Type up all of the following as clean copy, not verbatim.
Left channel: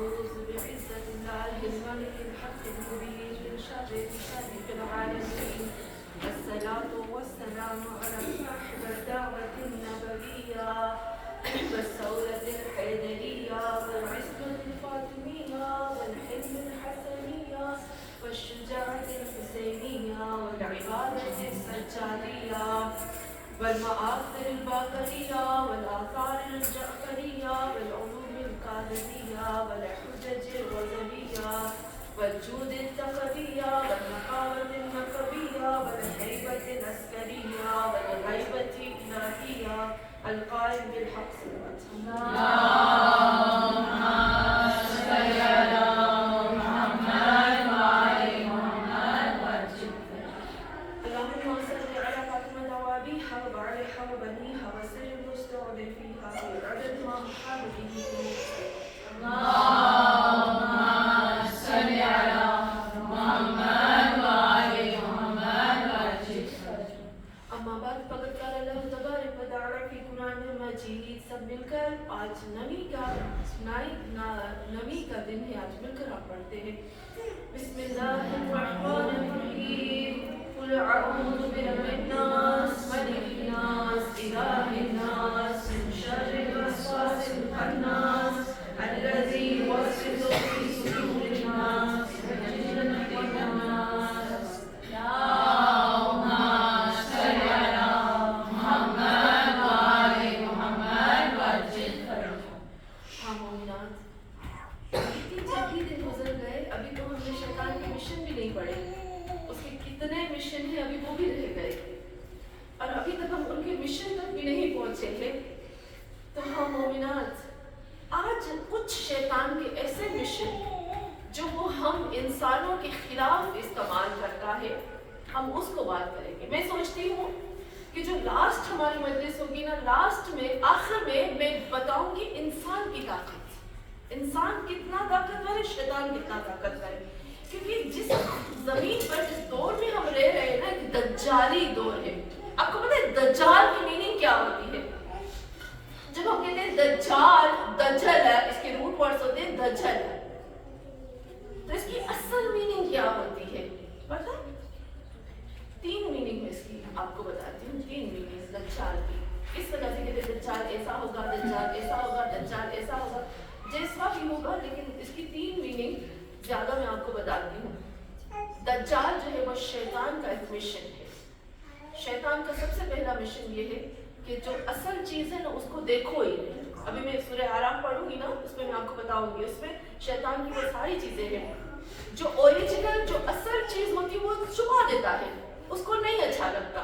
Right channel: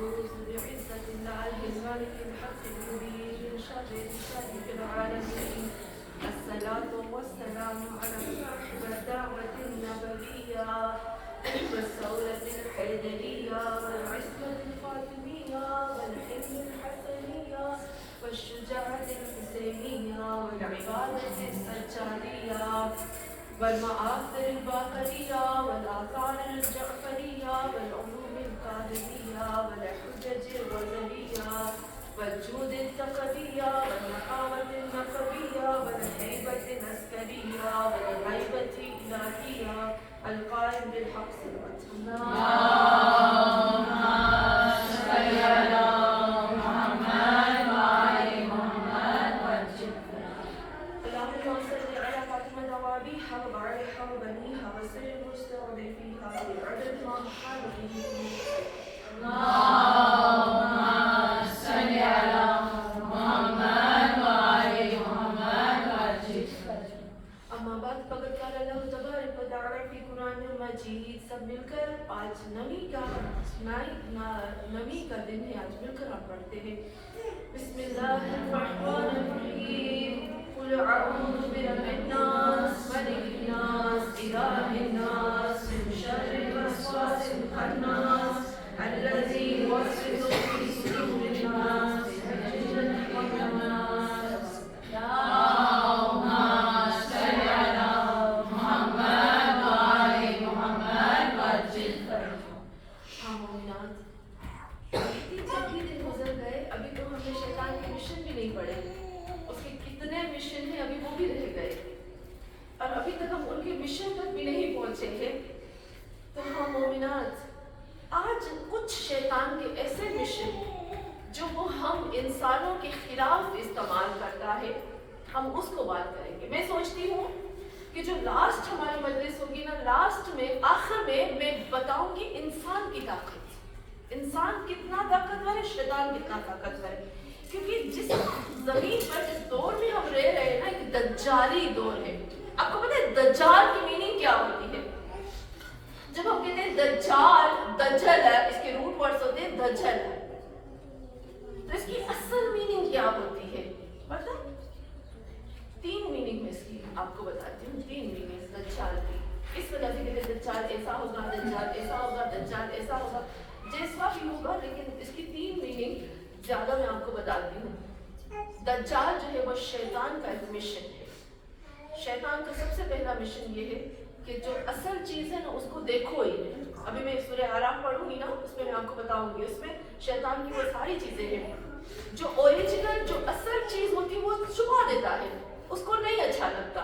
أعوذ بعزة الله الملك الحق المبين من شر العالمين. الصلاة والسلام على صاحب الدعوة النبوية والسولة الحيدرية والعصمة الفاطمية والحلم الحسنية والشجاعة الحسينية والعبادة السجادية والمآثر الباقرية والآثار الجعفرية والعلوم الكاهلية والحجج الغزلية والجود الثقفية والنقاوة النقبية والهيبة العسكرية والهيبة الإلهية القائم بالحق صلوات الله. اللهم صل على محمد وعلى محمد وسلم. اللهم صل على فاطمة وأبيها وعليها وبنيها وسر المستضعفيها في عدد ما حال به. اللهم صل على محمد وعلى محمد وسلم. اما بعد فقد قال الله تبارك وتعالى في قرآن مجید. سب مل کر آج نمی کا دن ہے، آج مل کر آپ پڑھتے ہیں بسم اللہ الرحمن الرحیم. قل اعوذ برب الناس ملک الناس الہ الناس من شر الوسواس الخناس الذي يوسوس في صدور الناس من الجنة والناس. اللهم صل على محمد وعلى محمد وسلم. ہاں مومنات، اتنی جلدی دن گزر گئے، ابھی تو ہم نے شیطان کے مشن بھی نہیں پڑھے. اس کے کتنے مشن ہیں ابھی وہ بھی رہ گئے، اور ابھی تک ہم ان کے مشن تک بھی نہیں پہنچے ہیں. تو ہاں مومنات، آج کچھ شیطان کے ایسے مشن جو وہ ہم انسانوں کے خلاف استعمال کرتا ہے، ہم اس کو بات کریں گے. میں سوچتی ہوں کہ جو لاسٹ ہماری مجلس ہوگی نا، لاسٹ میں آخر میں بتاؤں گی انسان کی طاقت، انسان کتنا طاقتور ہے، شیطان کتنا طاقتور ہے. کیونکہ جس زمین پر جس دور میں ہم رہ رہے ہیں نا، ایک دجالی دور ہے. آپ کو پتہ ہے دجال کی میننگ کیا ہوتی ہے؟ جب ہم کہتے ہیں دجال، دجل ہے، اس کے روٹ ورڈز ہوتے ہیں دجل ہے، تو اس کی اصل میننگ کیا ہوتی ہے پتہ؟ 3 میننگ میں اس کی آپ کو بتاتی ہوں. 3 میننگ دجال کی. اس وجہ سے کہتے ہیں دجال ایسا ہوگا، دجال ایسا ہوگا، دجال ایسا ہوگا، جیسا بھی ہوگا، لیکن اس کی 3 میننگ زیادہ میں آپ کو بتاتی ہوں. دجال جو ہے وہ شیطان کا ایک مشن ہے. شیطان کا سب سے پہلا مشن یہ ہے کہ جو اصل چیز ہے نا اس کو دیکھو ہی نہیں. ابھی میں سورہ اعراف پڑھوں گی نا، اس میں آپ کو بتاؤں گی، اس میں شیطان کی وہ ساری چیزیں ہیں جو اوریجنل، جو اصل چیز ہوتی ہے وہ چھپا دیتا ہے، اس کو نہیں اچھا لگتا.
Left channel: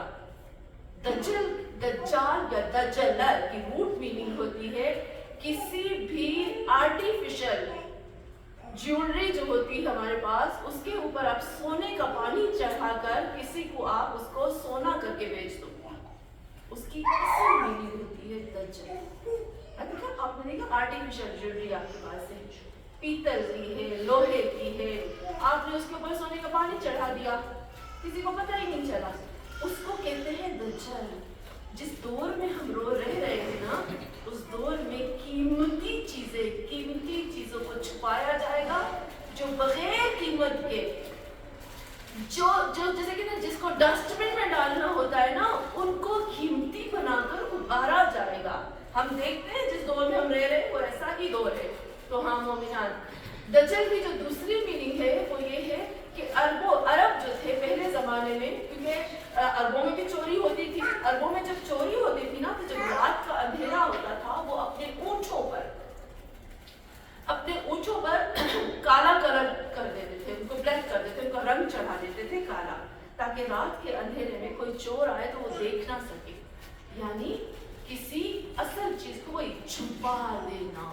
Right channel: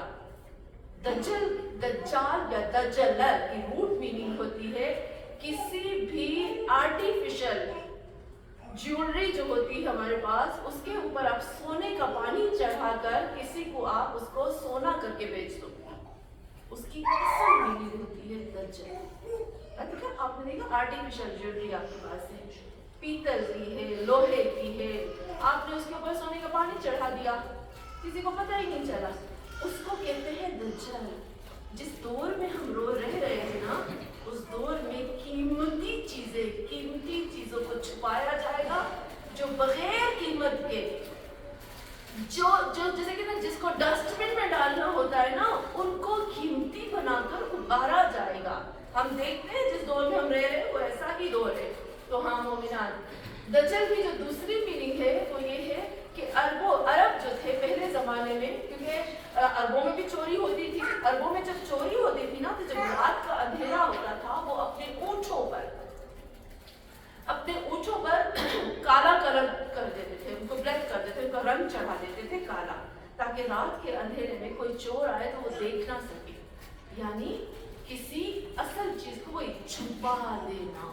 دجال یا دجلل کی روٹ میننگ ہوتی ہے کسی بھی آرٹیفیشل جیولری جو ہوتی ہے ہمارے پاس، اس کے اوپر آپ سونے کا پانی چڑھا کر کسی کو آپ اس کو سونا کر کے بیچ دو، اس کی اصل میننگ ہوتی ہے دجل. دیکھا آپ نے دیکھا آرٹیفیشل جیولری آپ کے پاس ہے، پیتل کی ہے، لوہے کی ہے، آپ نے اس کے اوپر سونے کا پانی چڑھا دیا، کسی کو پتہ ہی نہیں چلا، اس کو کہتے ہیں دجل. جس دور میں ہم رہ رہے ہیں نا، اس دور میں قیمتی چیزوں کو چھپایا جائے گا، جو بغیر قیمت کے، جو جیسے کہ جس کو ڈسٹ بن میں ڈالنا ہوتا ہے نا، ان کو قیمتی بنا کر ابھارا جائے گا. ہم دیکھتے ہیں جس دور میں ہم رہ رہے ہیں وہ ایسا ہی دور ہے. تو ہاں مومنات، دجل کی جو دوسری میننگ ہے وہ یہ ہے کہ عرب جو تھے پہلے زمانے میں، کیونکہ عربوں میں بھی چوری ہوتی تھی، عربوں میں جب چوری ہوتی تھی نا، تو جب رات کا اندھیرا ہوتا تھا، وہ اپنے اونٹوں پر کالا کلر کر دیتے تھے، ان کو بلیک کر دیتے تھے، ان کا رنگ چڑھا دیتے تھے کالا، تاکہ رات کے اندھیرے میں کوئی چور آئے تو وہ دیکھ نہ سکے. یعنی کسی اصل چیز کو وہ چھپا دینا،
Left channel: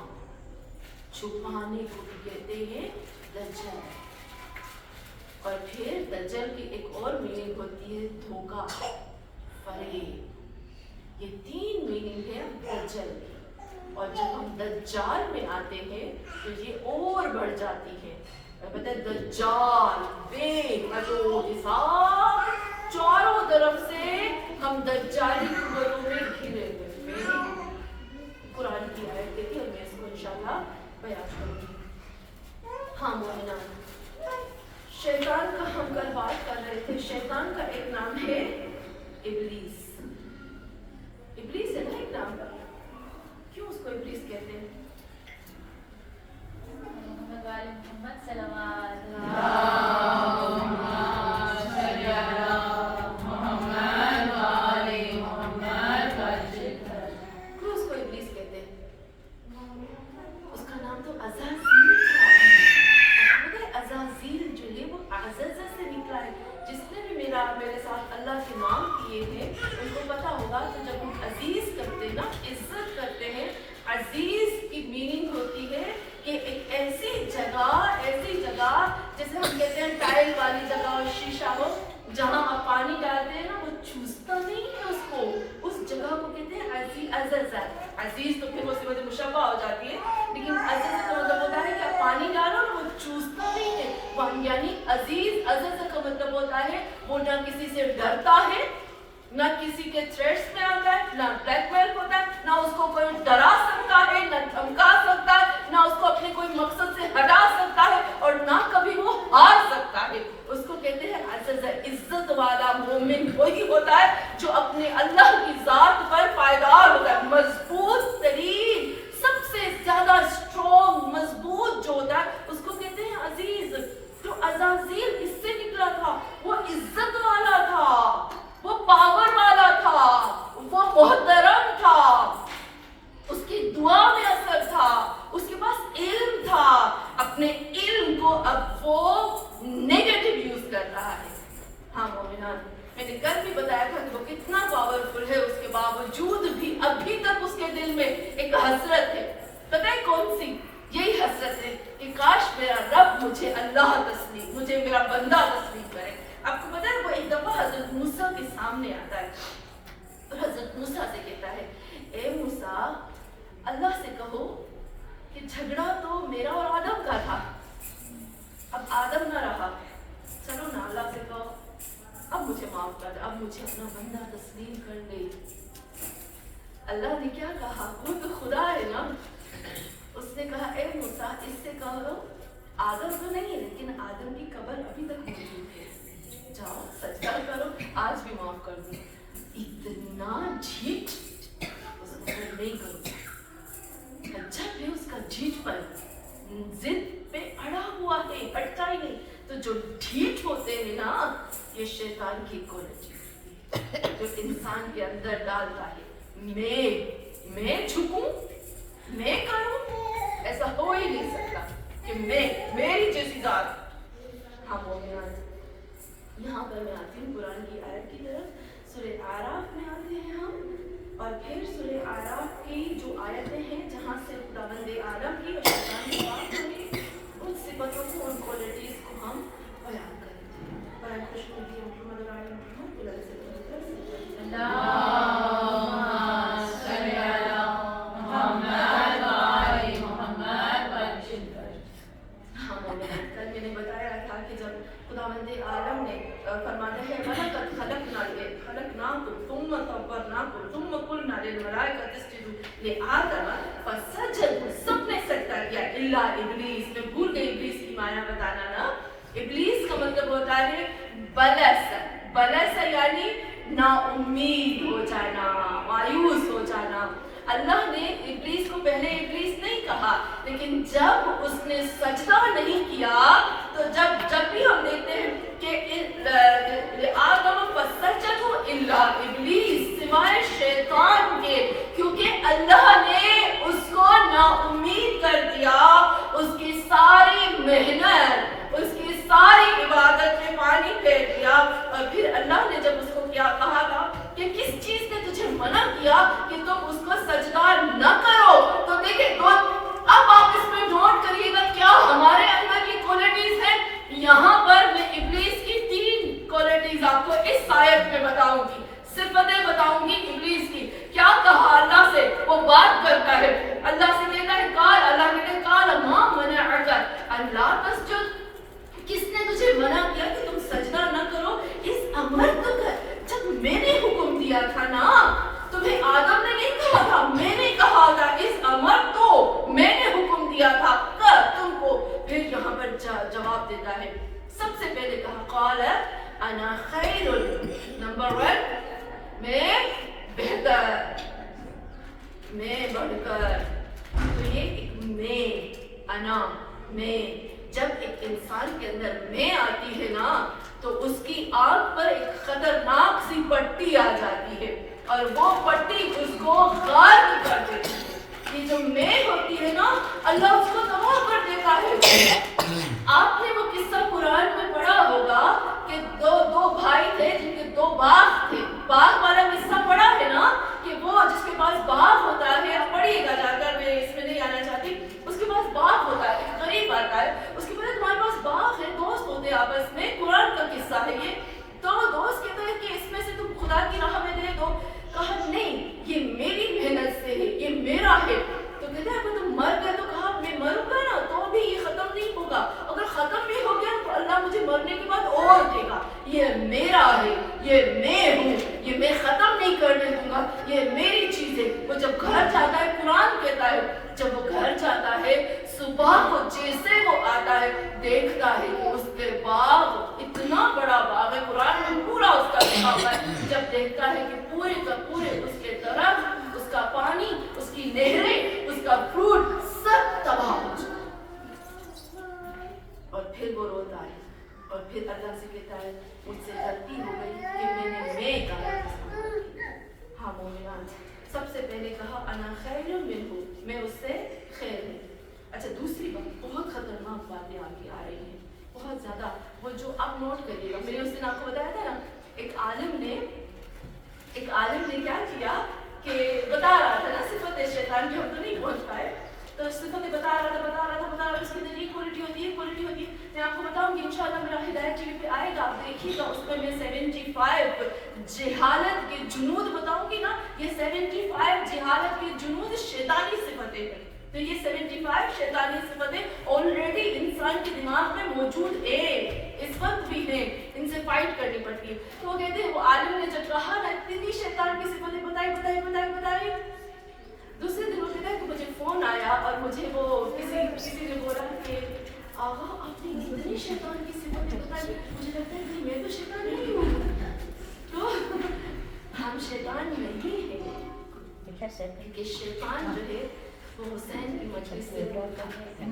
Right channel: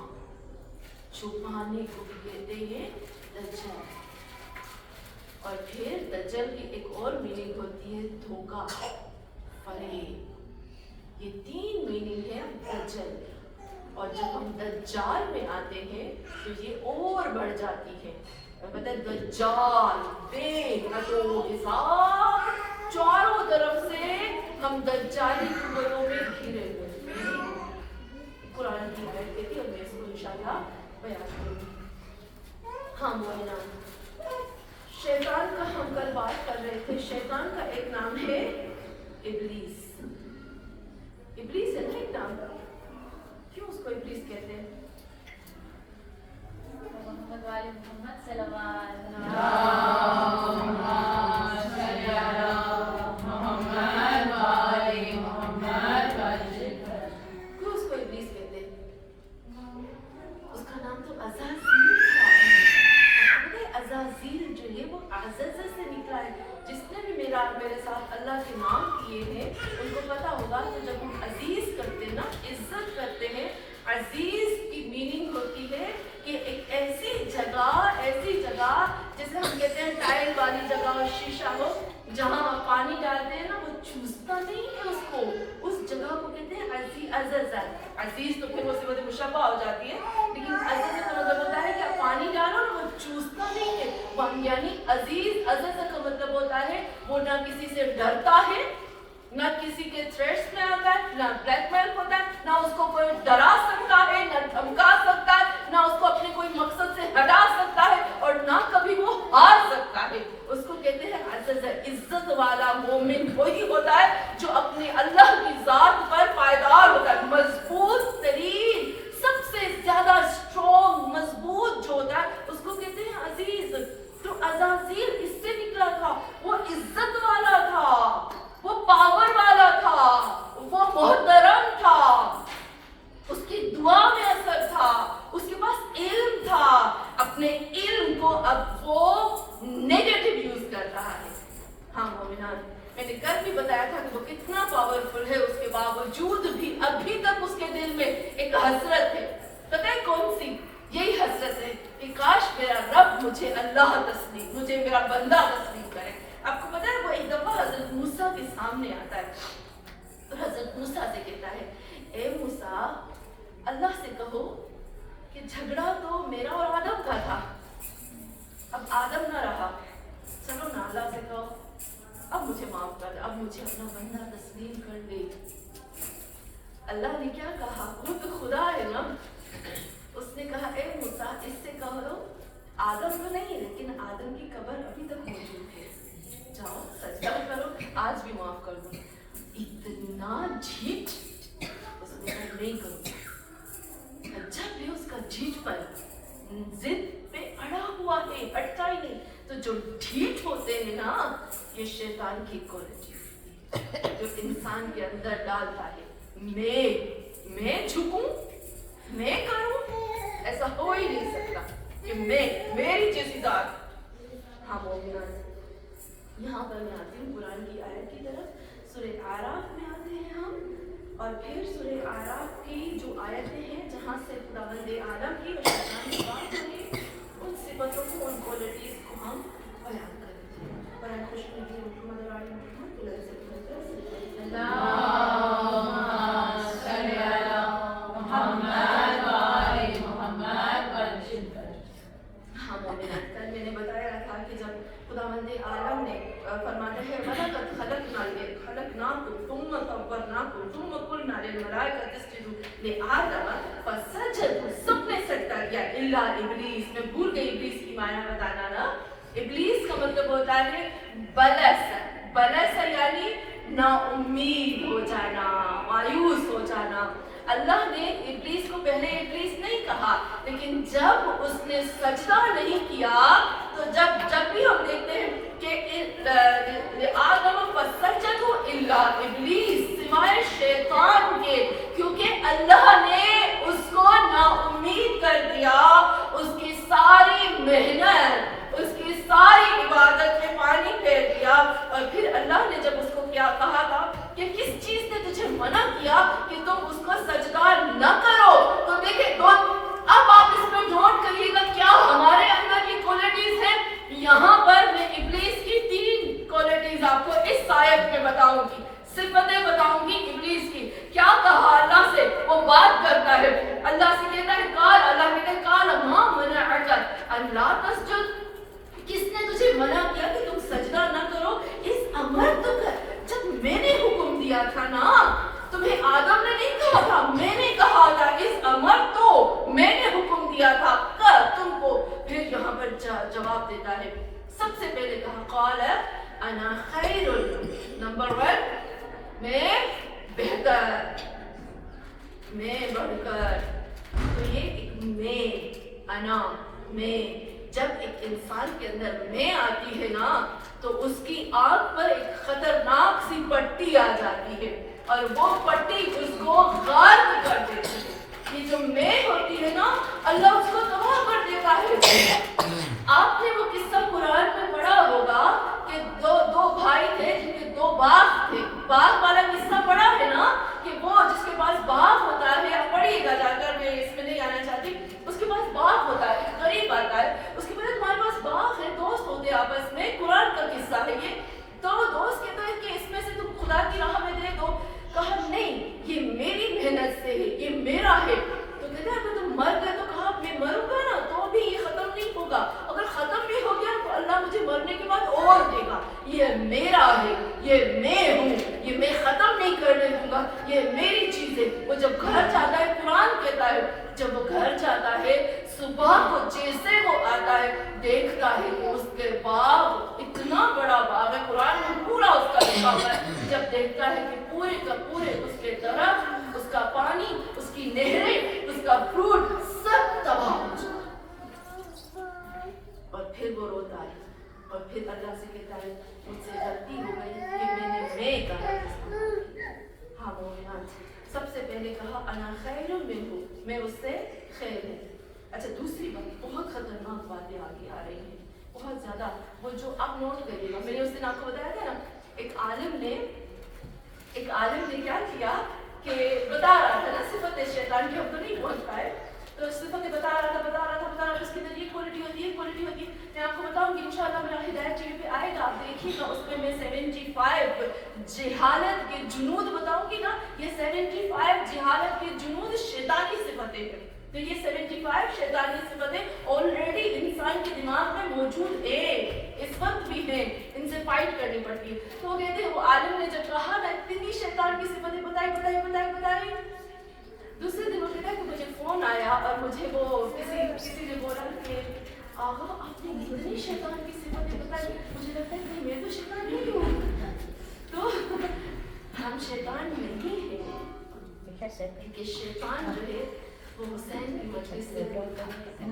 چھپانے کو بھی کہتے ہیں دجل. اور پھر دجل کی ایک اور میننگ ہوتی ہے دھوکہ، فریب. یہ 3 میننگ ہے دجل کی. اور جب ہم دجال میں آتے ہیں تو یہ اور بڑھ جاتی ہے. پتہ ہے دجال بے حد و حساب، چاروں طرف سے ہم دجالی قوتوں میں گھرے ہوئے. قرآن کی آیت کہتی ہے، میں اس کو انشاءاللہ بیان کروں گی. ہاں مومنان، شیطان کا ہم کل بات کر رہے تھے. شیطان کا ایک نام ہے ابلیس. ابلیس ہے نا ایک نام. کیوں اس کو ابلیس کہتے ہیں؟ محمد صلوات کیوں اس کو ابلیس کہتے ہیں؟ اس کا نام تو عزازیل تھا. عزازیل جو ہے وہ عزازہ سے نکلا ہے. جس نے بھی میرے ساتھ اللہ کے نام کیے ہیں ان کو پتا ہوگا کہ جب ہم عزیز کرتے ہیں نا، عزت کرتے ہیں، عزیز کی میننگ ہوتی ہے کہ ایک ایسی جگہ جیسے ہم کہتے ہیں ٹائل والی جگہ اور شیشہ ہو، جہاں آپ پانی ڈالتے ہیں نا وہ چوستا نہیں ہے اس کو. اس جگہ کو کہتے ہیں عزیز. عزیز تو پھر وہ صفت مشبہ ہو جاتی ہے، لیکن عزیز کا مطلب ہوتا ہے کہ آپ پانی ڈالو نا وہ چوستا نہیں ہے. یعنی عزیز کا مطلب ہوتا ہے وہ نہ کسی سے ڈرتا ہے، نہ کسی کے تھریٹس میں آتا ہے، نہ بلیک میل ہوتا ہے، نہ اس کو کوئی ڈرا سکتا ہے، نہ دھمکا سکتا ہے، نہ اس کو اپنے کوئی مقصد سے ہٹا سکتا ہے، اور نہ کبھی وہ ہار سکتا ہے. اس کو کہتے ہیں عزیز. عزت والا مومن وہی ہوتا ہے جو اپنے اللہ کی ذات پر پائیدار ہوتا ہے. مضبوط ترین، سب سے زیادہ اسٹرانگ، مضبوط جو ہوتا ہے اس کو کہتے ہیں عزیز. تو عزازیل اس سے نکلا تھا. وہ عزت والا تھا، وہ پاور والا تھا، وہ محترم تھا، اس کی دعا میں اثر تھا، اس کے پاس علم تھا. اپنے علم کو اب وہ نیگیٹو یوز کر رہا ہے. ہاں مومنان، میں نے کل بھی بتایا تھا کہ وہ کتنا پاورفل ہے. اس کے باوجود بھی ابھی تک اس کے دل میں ایک حسرت ہے. پتہ ہے کون سی؟ یہی حسرت ہے کہ کاش میرا رب مجھے اللہ تسلیم، مجھے میرا بندہ تسلیم کرے. آپ کو پتہ ہے وہ ایک دفعہ حضرت موسیٰ کے سامنے آتا ہے اور حضرت موسیٰ سے کہتا ہے اے موسیٰ، اللہ سے کہو کہ جھگڑا تو میرا اور آدم کا تھا، اب آدم نہ رہا، چلو نا اللہ سے کہو اب مجھے معاف کر دے، اب مجھے اپنا بندہ تسلیم کر دے. اللہ نے کیا کہا؟ وہ تو خدا ہے نا. اس نے کہا اے موسیٰ اس سے کہو آدم تو نہیں لیکن آدم کی قبر ابھی تک موجود ہے، جاؤ سجدہ کرو، آج بھی معاف کر دوں. اتنا جھیٹ اس نے کہا نہیں کروں. جب بھی اس کا جھیٹ پر ضد پہ اڑا ہوا ہے، ہٹتا ہی نہیں. تو جو ڈھیٹ ہوتے ہیں نا، یہ شیطان کی کوالٹی جو انسان کے اندر ڈالتا ہے. میں جھکوں، میں کروں، ایسا ہو ہی نہیں سکتا کہ میری جیسی ذات. ہاں مومنان، یہاں پر میں آتی ہوں قرآن کی آیت کی طرف. سورہ اعراف میں آتے ہیں ہم، اور پھر سورہ اعراف کی جو آیتیں ہیں جہاں سے خداوند عالم کی اور شیطان کی بات ہوئی، ان صفتوں کو، ان کوالٹیز کو ہم بیان کریں گے. برائے خوش نبی محمد اور آل محمد اللہ سے میں نے بتایا تھا کہ جب خداوند عالم نے فرماتے ہیں وَلَقَدْ خَلَقْنَاكُمْ ثُمَّ صَوَّرْنَاكُمْ ثُمَّ قُلْنَا لِلْمَلَائِكَةِ اسْجُدُوا لِآدَمَ فَسَجَدُوا، سب نے سجدہ کیا الا ابلیس. میں بھول گئی ابلیس کی معنی بتانا نا. ابلیس کا مطلب ہوتا ہے بلس یعنی نا امید ہو جانا، مایوس ہو جانا. اللہ نے ابلیس کو پہلے ابلیس نہیں کہا، لیکن جب اس نے سجدہ نہیں کیا تو جب بھی ہم دیکھتے ہیں کہ آدم فسجدوا الا ابلیس، سوائے شیطان کے، کیونکہ اللہ نے اس کو نا امید کر دیا. اس کی ساری محنت، اس کی ساری عبادت میں پانی پھیر دیا. اور پھر اللہ نے جب اس کو کیا کہا تھا کہ کس چیز نے تجھے منع کیا کہ تم اس کو سجدہ نہ کرو، تو دیکھیں اب آپ اس میں نوٹ کریے گا کیا ہمارے اندر یہ کوالٹیز ہیں. یہاں پر میں ابلیس کی 3 کوالٹیز آپ کو اس آیت میں بتاؤں گی، صفتیں بتاؤں گی ابلیس کی. کیا کہا اللہ سے؟ وہ بات کرتا ہے، اللہ سے کہتا ہے اللہ کہتا ہے قال ما منعک ان لا تسجد، کس نے تجھے منع کیا کہ تم سجدہ نہ کرو؟ اس امر تو کر، جب میں نے حکم دیا تھا نا، تمہیں آدم نے نہیں کہا تھا، میں نے کہا تھا. اس امر تو میں نے حکم دیا تھا کر، تو تم کو؟ پھر یہاں پر جواب دیتا ہے. سب سے پہلے کہا قال انا خیر. نمبر 1 میں بہتر، میں بڑھ کر. تو یہ ایک میں، انا میں. جب ایک انسان کے اندر میں آتی ہے نا تو اس کی آنکھ پر ایک خطرناک سی پٹی آ جاتی ہے اور وہ پٹی اس کو غارق کر دیتی ہے. یہ جو میں ہوتی ہے نا اللہ اس کو تباہ کر دیتا ہے. آپ نے وہ قصہ قرآن میں پڑھا ہوگا کہ دو بھائی تھے جن کے 2 باغ تھے. باغ والا قصہ پڑھا ہے نا کہ وہ جس کے پاس باغ ہوتا ہے، آپ پڑھیے گا جا کر، میں اس میں نہیں آنا چاہتی. اس کے پاس باغ ہوتا ہے، ایک غریب آتا ہے، اس کے بعد تمہارے پاس باغ ہے، دوست ہوتے ہیں آپس میں. قرآن کا قصہ ہے یہ. تو دوست کہتا ہے کہ اس میں سے تم خدا کی راہ میں دے دو. کہا نہیں، یہ میری محنت سے ہے، یہ میرا ہے. تو کہتے ہیں اگر تم مر گئے تو کہا میں مروں گا نا تو بھی یہ ختم نہیں ہوگا. اگر ختم بھی ہو گیا تو اللہ مجھے مرنے کے بعد اور دے گا. یہ میرا ہے، یہ میں ہوں، یہ میں ختم نہیں کرنے دوں گا، یہ میری چیز ہے. وہ جب گھر جاتا ہے، قرآن کہتا ہے جب وہ گھر جاتا ہے صبح کو جیسے وہ آتا ہے دیکھتا ہے کہ اس کے باغ اتنا بڑا باغ ہے، قرآن میں پورا اس کا لکھا ہوا ہے. جب دیکھتا ہے کہ پورے کا پورے اس کے درخت، اس کا پانی، اس کی نہریں، اس کا فروٹ سب تباہ ہو جائے. اور پھر وہ روتا ہے اور پھر اللہ سے کہتا ہے مجھ سے غلطی ہو گئی کہ میں کا. ہاں مومنان، سب سے پہلے کہا انا خیر منہ، میں اس سے خیر ہوں. اچھا دوسری بات، بہت خطرناک باتیں آگے آ رہی ہیں، بہت زیادہ. وہ جو آپ نوٹ کریے گا، میں نے اس دن آپ کو بتایا تھا نا ایک عالم نے کیا کیا کہ بتا رہا تھا نا صفت شیطان کی، ہم تو نہیں پہنچ پائے. تو صفتیں بتا رہا تھا اس کے اندر یہ کوالٹی ہوتی ہے. میں آپ کو بتاؤں گی انشاءاللہ میرا ہدایت ٹی وی پہ آئے گا، آپ دیکھیے گا. اس میں 75 جہالت کے جنود بتاؤں گی نا. یہ 75 جہالت کے جنود شیطانی صفتیں ہیں. تو یہ 75 شیطانی صفتیں آلریڈی انسان کے دماغ میں موجود ہیں، اس وقت بھی ہیں. ان سے فائٹ کرنی پڑتی ہے. تو وہ کہتے ہیں وہ عالم نے جب کہا نا اتنی شیطان کی صفتیں بتائی. دوسرے دن وہ کہتا ہے کہ مجھے فون آیا اور مجھے وہ کسی نے بولا کہ آغا آپ نے اتنی شیطان کی صفتیں بتائی. مجھے لگتا ہے کہ میں تو شیطان نہیں ہوں. تو ہم شیطان نہیں ہیں کہ شیطان جو ہے وہ حسین کی مجلس سے بولتا ہے.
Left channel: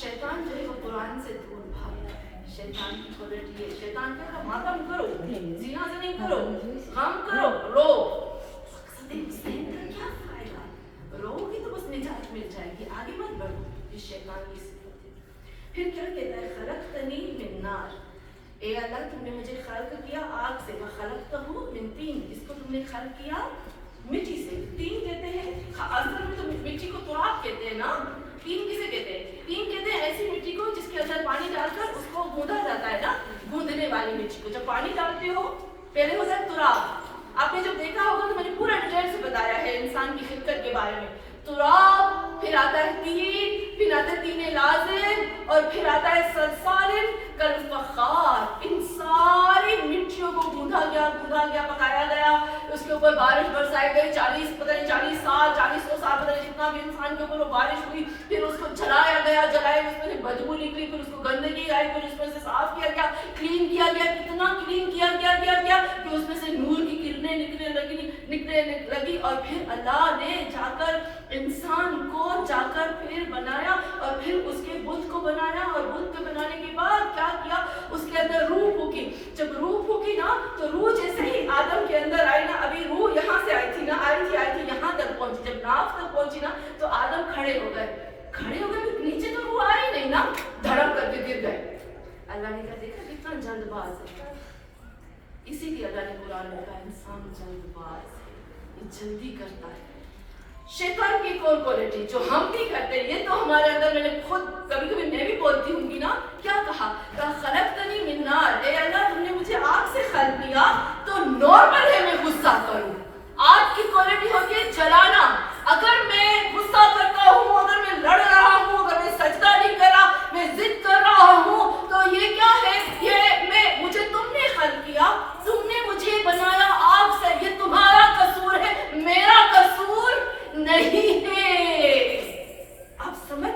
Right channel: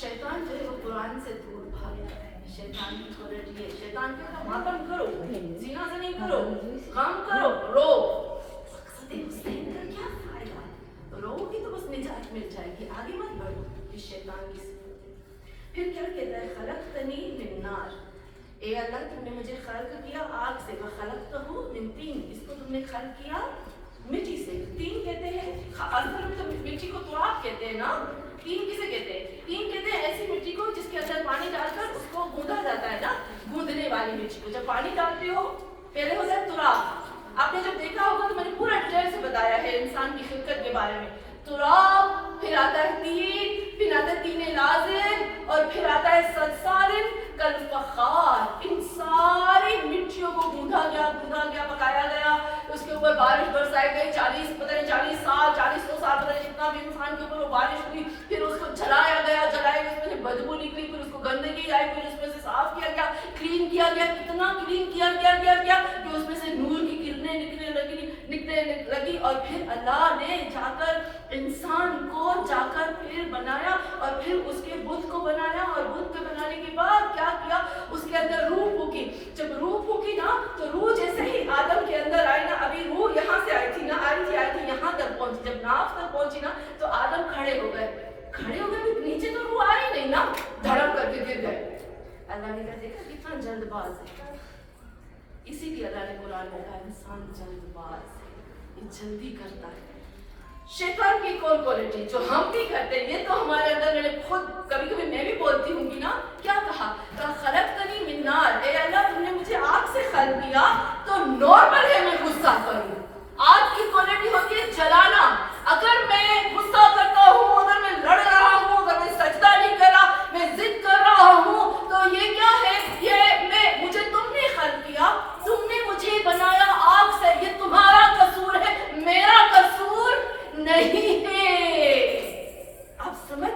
شیطان جو ہے وہ قرآن سے دور بھاگتا ہے. شیطان کی کوالٹی ہے، شیطان کہتا ہے ماتم کرو، زنا زنی کرو، غم کرو، رو. حسین کا کیا فائدہ؟ رو گی تو بس نجات مل جائے گی، آگے مت بڑھو. یہ شیطان کی صفت ہے. پھر کیا کہتا ہے خلقتنی من نار، اے اللہ تم نے مجھے خلق کیا آگ سے. وخلقتہ من طین، اس کو تم نے خلق کیا مٹی سے. تین کہتے ہیں اصل میں تو مٹی کو تراب کہتے ہیں نا. تین کسے کہتے ہیں؟ تین کہتے ہیں ایسی مٹی کو جس کے اندر پانی ڈال کر اس کو گوندا جاتا ہے نا، گوندنے والی مٹی کو. جب پانی ڈالتے ہو پہلے ہوتا ہے تراب. آپ نے جب دیکھا ہوگا تو میں نے پورا ڈیٹیل سے بتایا ہے انسان کی خلقت کے بارے میں. تراب، پھر آتا ہے تین، پھر آتا ہے تین لازم، اور پھر آتا ہے سلسال کالفخار. ان ساری مٹیوں کو گوندھا گیا، پکایا گیا. اس کے اوپر بارش برسائی گئی. 40 سال 100 سال پتہ نہیں جتنا بھی انسان کے اوپر وہ بارش ہوئی. پھر اس کو جلایا گیا، اس میں سے بدبو نکلی. پھر اس کو گندگی آئی، پھر اس میں سے صاف کیا گیا، کلین کیا گیا. کتنا کلین کیا کہ اس میں سے نور کی کرنیں نکلنے لگی. اور پھر اللہ نے جا کر انسان کو پھر بنایا اور پھر اس کے بت کو بنایا. اور بت کے بنانے کے بعد کیا کیا؟ اس کے اندر روح پھونکی. جب روح پھونکی نا تو روح جیسے ہی آدم کے اندر آئی نا، ابھی روح یہاں سے آئی تھی یہاں تک پہنچی. جب ناف تک پہنچی نا تو آدم کھڑے ہو گئے. نیچے تو روح آئی نہیں نا، دھڑم کر کے گر گئے. اللہ نے کہا دیکھا کتنا جلد باز ہے. اسی لیے اللہ نے قرآن میں کہا انسان جلد باز ہے، یہ جلدی کرتا ہے. شیطان کی کون کوالٹی جو ہم بھی کرتے ہیں، یہ تو ہمارے اندر، میں نے خود کبھی میں بھی بولتی ہوں گی نا. کیا کہا خلقتنی من نار، اے اللہ تم نے مجھے آگ سے خلق کیا تو نارمل ہے میں غصہ کروں. آگ کی کوالٹی ہوتی ہے جلانا. اگر میں غصہ کرتا ہوں، اگر میں لڑ رہا ہوں، اگر میں سجدہ نہیں کر رہا، میں ضد کر رہا ہوں، تو یہ کیا ہے؟ یہ مجھے تم نے خلق کیا، تم نے مجھے بنایا آگ سے. یہ تمہارا قصور ہے، میرا قصور نہیں ہے. آپ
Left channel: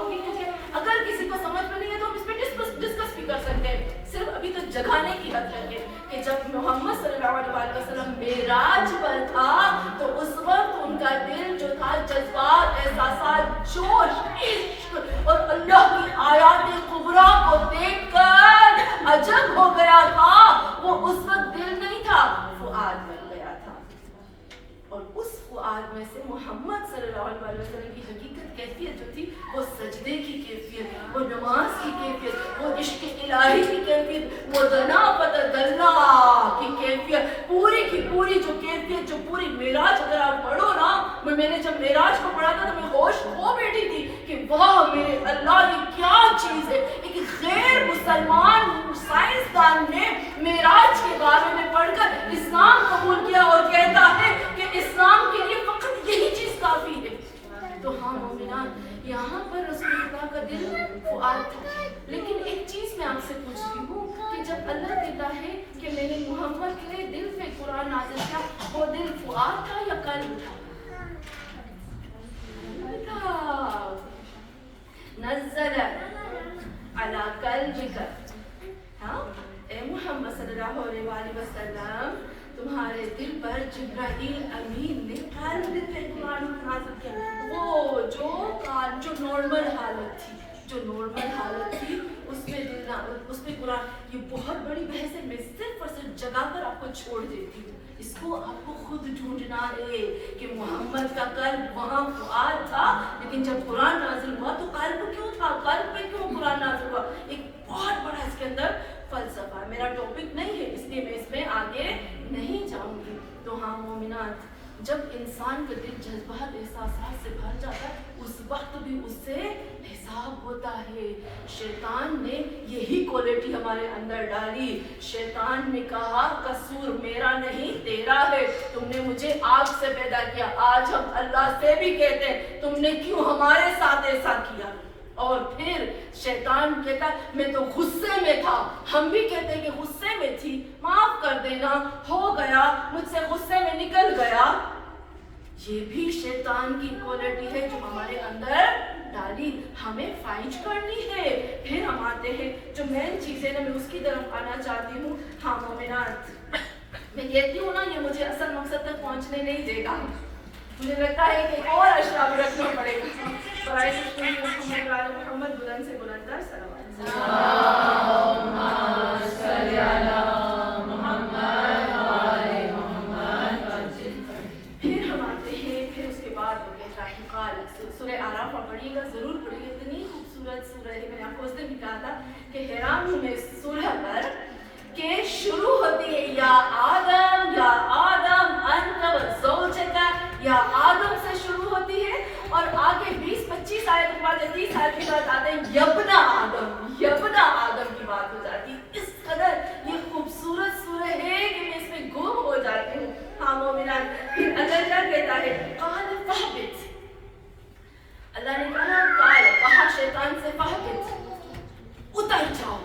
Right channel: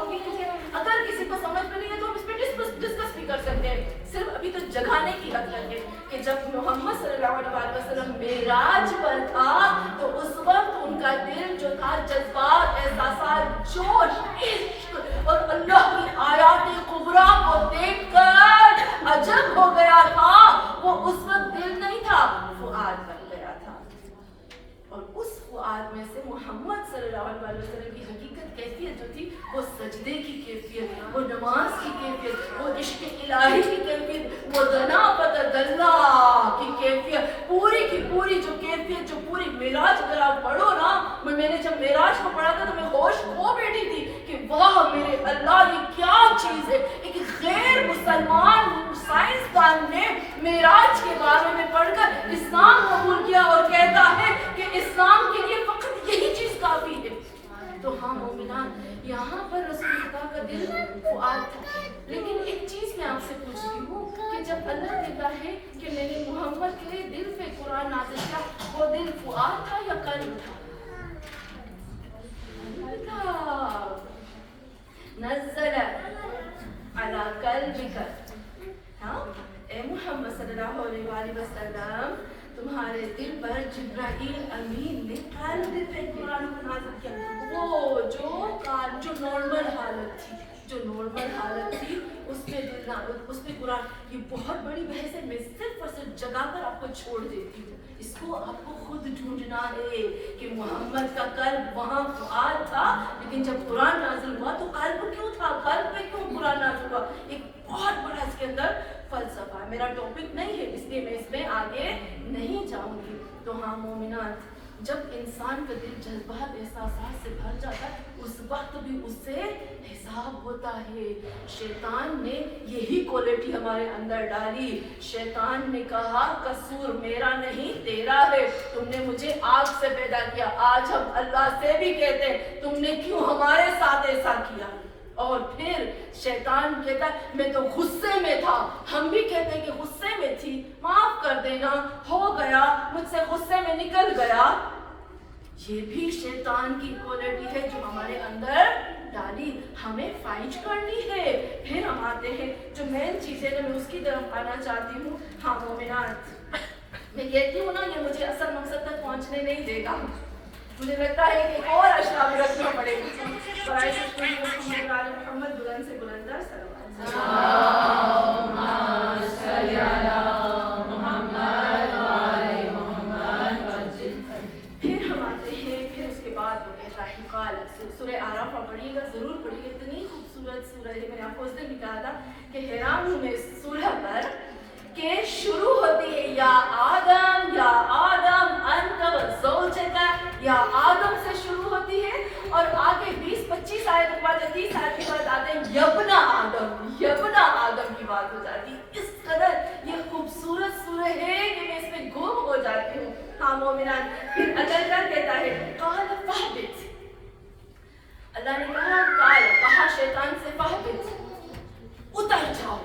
چاہوں گی کہ اگر کسی کو سمجھ میں نہیں ہے تو ہم اس پہ ڈسکس بھی کر سکتے ہیں، صرف ابھی تو جگانے کی حد تک ہے کہ جب محمد صلی اللہ علیہ وسلم معراج پر تھا تو اس وقت ان کا دل جو تھا جذبات، احساسات، جوش، عشق اور اللہ کی آیات کبریٰ کو دیکھ کر عجب ہو گیا تھا. وہ اس وقت دل نہیں تھا، فؤاد بن گیا تھا. اور اس فؤاد میں سے محمد صلی اللہ علیہ وسلم کی حقیقت کیفیت جو تھی وہ سجدے کی کیفیت، وہ نماز کی کیفیت، وہ عشق الہی کی کیفیت، وہ دناپت اللہ کی کیفیت، پوری کی پوری جو کیفیت، جو پوری معراج اگر آپ پڑھو نا، میں نے جب معراج کو پڑھا تھا تو میں ہوش کھو بیٹھی تھی کہ واہ میرے اللہ یہ کیا چیز ہے. ایک غیر مسلمان سائنسدان نے معراج کے بارے میں پڑھ کر اسلام قبول کیا اور کہتا ہے کہ اسلام کے لیے فقط یہی چیز کافی ہے. تو ہاں مومنان، یہاں پر رسول اللہ کا دل فؤاد تھا. لیکن ایک چیز میں آپ سے پوچھتی ہوں کہ جب اللہ کہتا ہے کہ میں نے محمد کے دل پہ قرآن نازل کیا، وہ دل فؤاد تھا یا قلب تھا؟ نزل علی قلبک. ہاں اے محمد صلی اللہ علیہ وسلم، تمہارے دل پر جبرائیل امین نے قلب پہ قرآن نازل کیا. وہ جو نارمل حالت تھی اس پہ قرآن. یہ بہت بڑی بحث ہے، میں صرف اور صرف جگا کر آپ کو چھوڑ دیتی ہوں. اس کو آپ کو خود ڈھونڈنا ہے کہ محمد کا قلب وہاں فؤاد تھا، لیکن جب قرآن نازل ہوا تو قلب کیوں تھا، قلب پہ کیوں قرآن نازل ہوا. ایک بہت بڑا اس کے اندر فلسفہ ہے. میرا ٹاپک نہیں ہے اس لیے میں اس میں آگے نہیں جاؤں گی. تو ہاں مومنات، جب انسان کا دل جذبات، احساسات سے بھر جاتا ہے اس وقت بھی اس سے حساب ہوتا ہے. شیطان نے یہی کوالٹی ہمارے اندر ڈالی. شیطان نے کہا قصور میرا نہیں تیرا ہے، تم نے مجھے آگ سے پیدا کیا. آج ہم اللہ سے بھی کہتے ہیں تم نے کیوں ہمارے ساتھ ایسا کیا. اور پھر شیطان کہتا ہے میں تو غصے میں تھا. ہم بھی کہتے ہیں کہ غصے میں تھی، معاف کر دینا، ہو گیا، مجھ سے غصے میں نکل گیا. یہ بھی شیطان کی کوالٹی ہے جو ہمارے اندر ڈالی. ہمیں فائج کرنی ہے. پھر ہم آتے ہیں جو مین چیز ہے نا، میں اس کی طرف آنا چاہتی ہوں. ہاں مومنات، میں کہتی ہوں نا یہ مجھے اصل مقصد تک پہنچنے نہیں دے گا. مجھے لگتا ہے کہ اور اشیاء بھی رکھنا پڑے گا. برائے محمد بلند سے بلندر صلوات. پھر ہم آتے ہیں، پھر اس کے بعد وہ کہتا ہے قال. سورہ اعراف آپ پڑھیے گا، ضرور پڑھیے گا. اتنی خوبصورت سورہ ہے. میں نے آپ کو اس دن بھی کہا تھا کہ حیران ہوں میں اس سورہ پر کہ شروع ہوتی ہے یا آدم انت وزوجک، یا آدم سے شروع ہوتی ہے اور آگے 20-25 آیت کے بعد یا 30 آیت کے بعد آتے ہیں یبنا آدم کی بات ہو جاتی. اس قدر یہ خوبصورت سورہ ہے کہ میں اس میں گم ہو جاتی ہوں. ہاں مومنان، پھر اللہ کیا کہتا ہے قال فاہبط. اللہ نے کہا شیطان سے فاہبط، اتر جاؤ.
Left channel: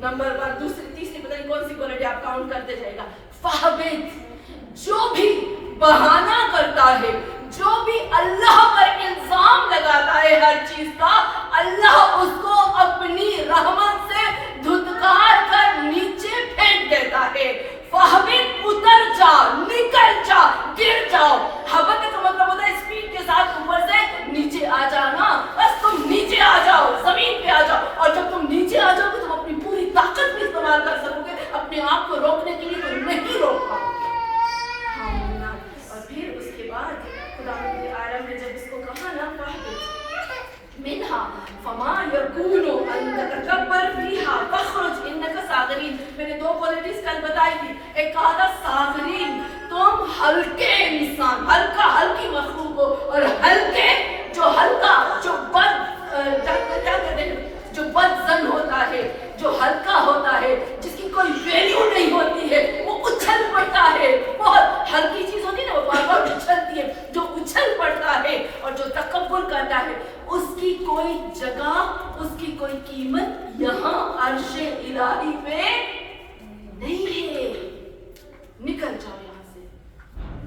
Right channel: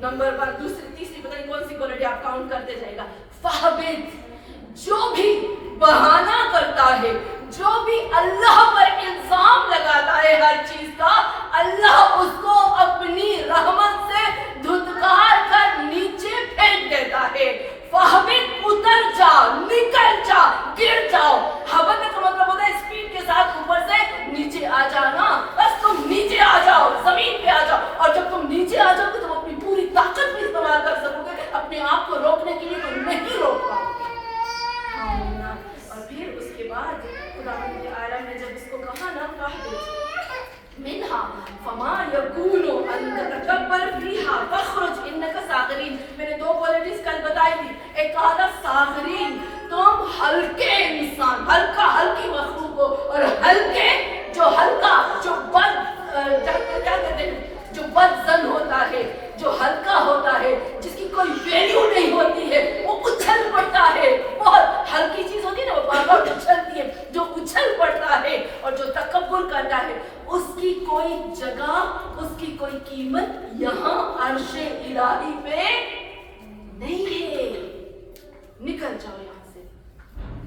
نمبر 1، دوسری، تیسری، پتہ نہیں کون سی کوالٹی آپ کاؤنٹ کرتے جائے گا. فاہبط، جو بھی بہانہ کرتا ہے، جو بھی اللہ پر الزام لگاتا ہے ہر چیز کا، اللہ اس کو اپنی رحمت سے دھتکار کر نیچے پھینک دیتا ہے. فاہبط، اتر جا، نکل جا، گر جاؤ. ہبط کا مطلب ہوتا ہے اسپیڈ کے ساتھ اوپر سے نیچے آ جانا. بس تم نیچے آ جاؤ، زمین پہ آ جاؤ. اور جب تم نیچے آ جاؤ گے تم اپنی پوری طاقت بھی استعمال کر سکو گے. اپنے آپ کو روکنے کے لیے تو نہیں روک پاؤ گے. ہاں. اور پھر اس کے بعد خدا عالم نے جب اس کو کہا نا فاہبط منہا فما یکون ان تتکبر فیہا فاخرج انک صاغرین. میں نے 2 کوالٹیز کل بتائی تھی. ایک کہا تھا صاغرین، تم ہلکے انسان، ہلکی مخلوق ہو. اور ہلکے، جو ہلکا، جو کیا کہتے ہیں، جو بد زن ہوتا ہے، جو ہلکا ہوتا ہے، جس کی کوئی ویلیو نہیں ہوتی ہے، وہ اچھل پڑتا ہے. بہت ہلکی چیز ہوتی ہے نا، وہ بار بار اچھلتی ہے. جو اچھل پڑتا ہے اور جو تکبر کرتا ہے، اس کی کوئی جگہ، اس کی کوئی قیمت یہاں عرش الہی پہ نہیں ہے. نکل جاؤ یہاں سے.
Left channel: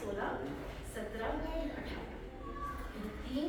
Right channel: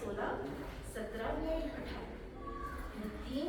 16, 17, 18, 3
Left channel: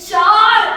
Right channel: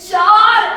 4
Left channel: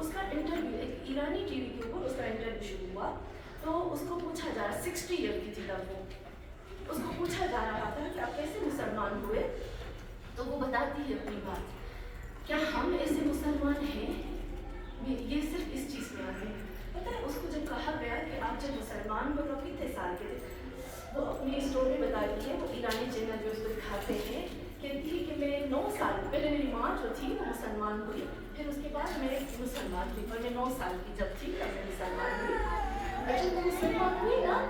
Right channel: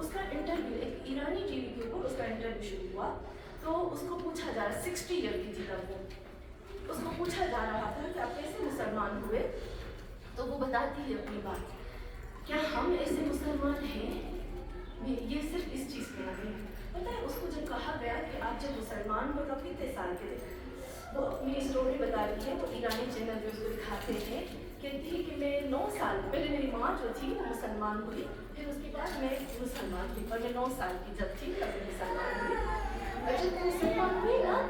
اس کا انٹرویو ایک ایرانی ٹی وی کے اوپر اس کا انٹرویو شروع ہوا. تو اس کو پوچھا جا رہا 60 ایئر کی تھی تب وہ, اس کو پوچھا جا رہا تھا کہ آپ کیسے مسلمان ہوئے. تو وہ بتاتی ہے اپنی بات, کیا ہم ایسے مسلمان ہیں, یہ صرف اس چیز میں آتے ہیں. پتہ ہے اس کو جب کہا گیا کہ آپ جب مسلمان ہو تو کتنے سال کے تھے, وہ اپنی اسٹوری بتاتی ہے. وہ ایرانی چینل جو اس کو دکھاتے ہیں, کہتی ہے کہ میں 9 سال پہلے میری ماں جو تھی وہ مسلمان ہوئی, پھر اس کے بعد میں مسلمان ہوئی, اور میں 9 سال کی جب تھی تب میں مسلمان ہوئی. اور جب میں مسلمان ہوئی نا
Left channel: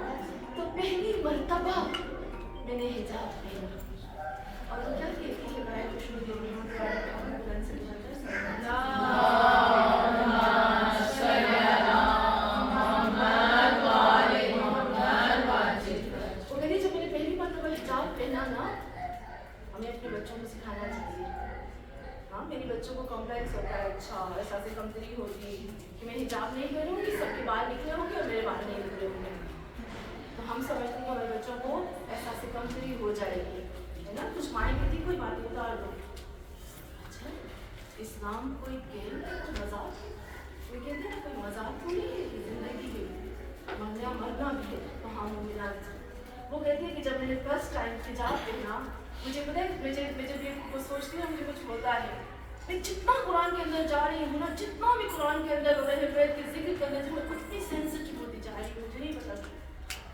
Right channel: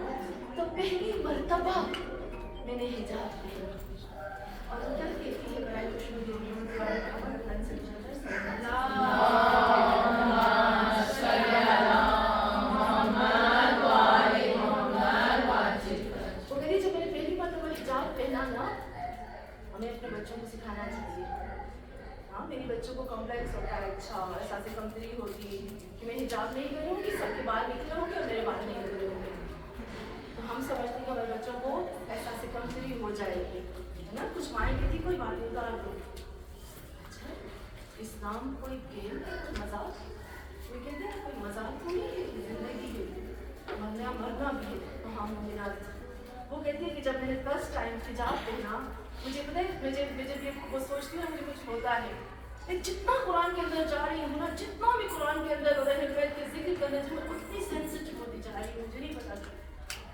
تو پہلی مرتبہ میں نے حجاب پہنا. اور وہ کیا کہتی ہے برائے خوشنودی جب میں نے پہلی مرتبہ حجاب پہنا نا, ہمیں اپنے بچوں کو سکھانا چاہیے. ہاں میری بچوں کو کمپلیکس ہوتا ہے, اچھا احساس کمتری ہوتی کہ میں حجاب نہیں کروں گی, سب کے بال نکلے ہوں گے اور میرے بال نہیں نکلے ہوں گے. تو ہم سمجھتے ہیں کہ ہمارے بچوں کو احساس کمتری ہو جائے گی, ہے نا. کچھ مائیں کہتی کوئی بات اتار دو. اچھا اسلام کوئی گیم ہے, کوئی مذاق, کوئی کہتے ہیں کوئی مذاق تو نہیں ہے, زندگی ہے, مرنا بھی ہے. تو ہاں مومنات وہ کہتی ہے کہ جب میں نے فرسٹ ٹائم حجاب پہنا, مجھے پتہ ہے میں جب یہ سوچتی ہوں مجھے کچھ ہوتا ہے. میں جتنا قرآن کے اندر جا رہی ہوں نا, جتنا بھی قرآن کے اندر بیت کے ذکر کرنے سے میں اتنی سینسٹیو ہوتی جا رہی ہوں. مجھے نہیں پتا,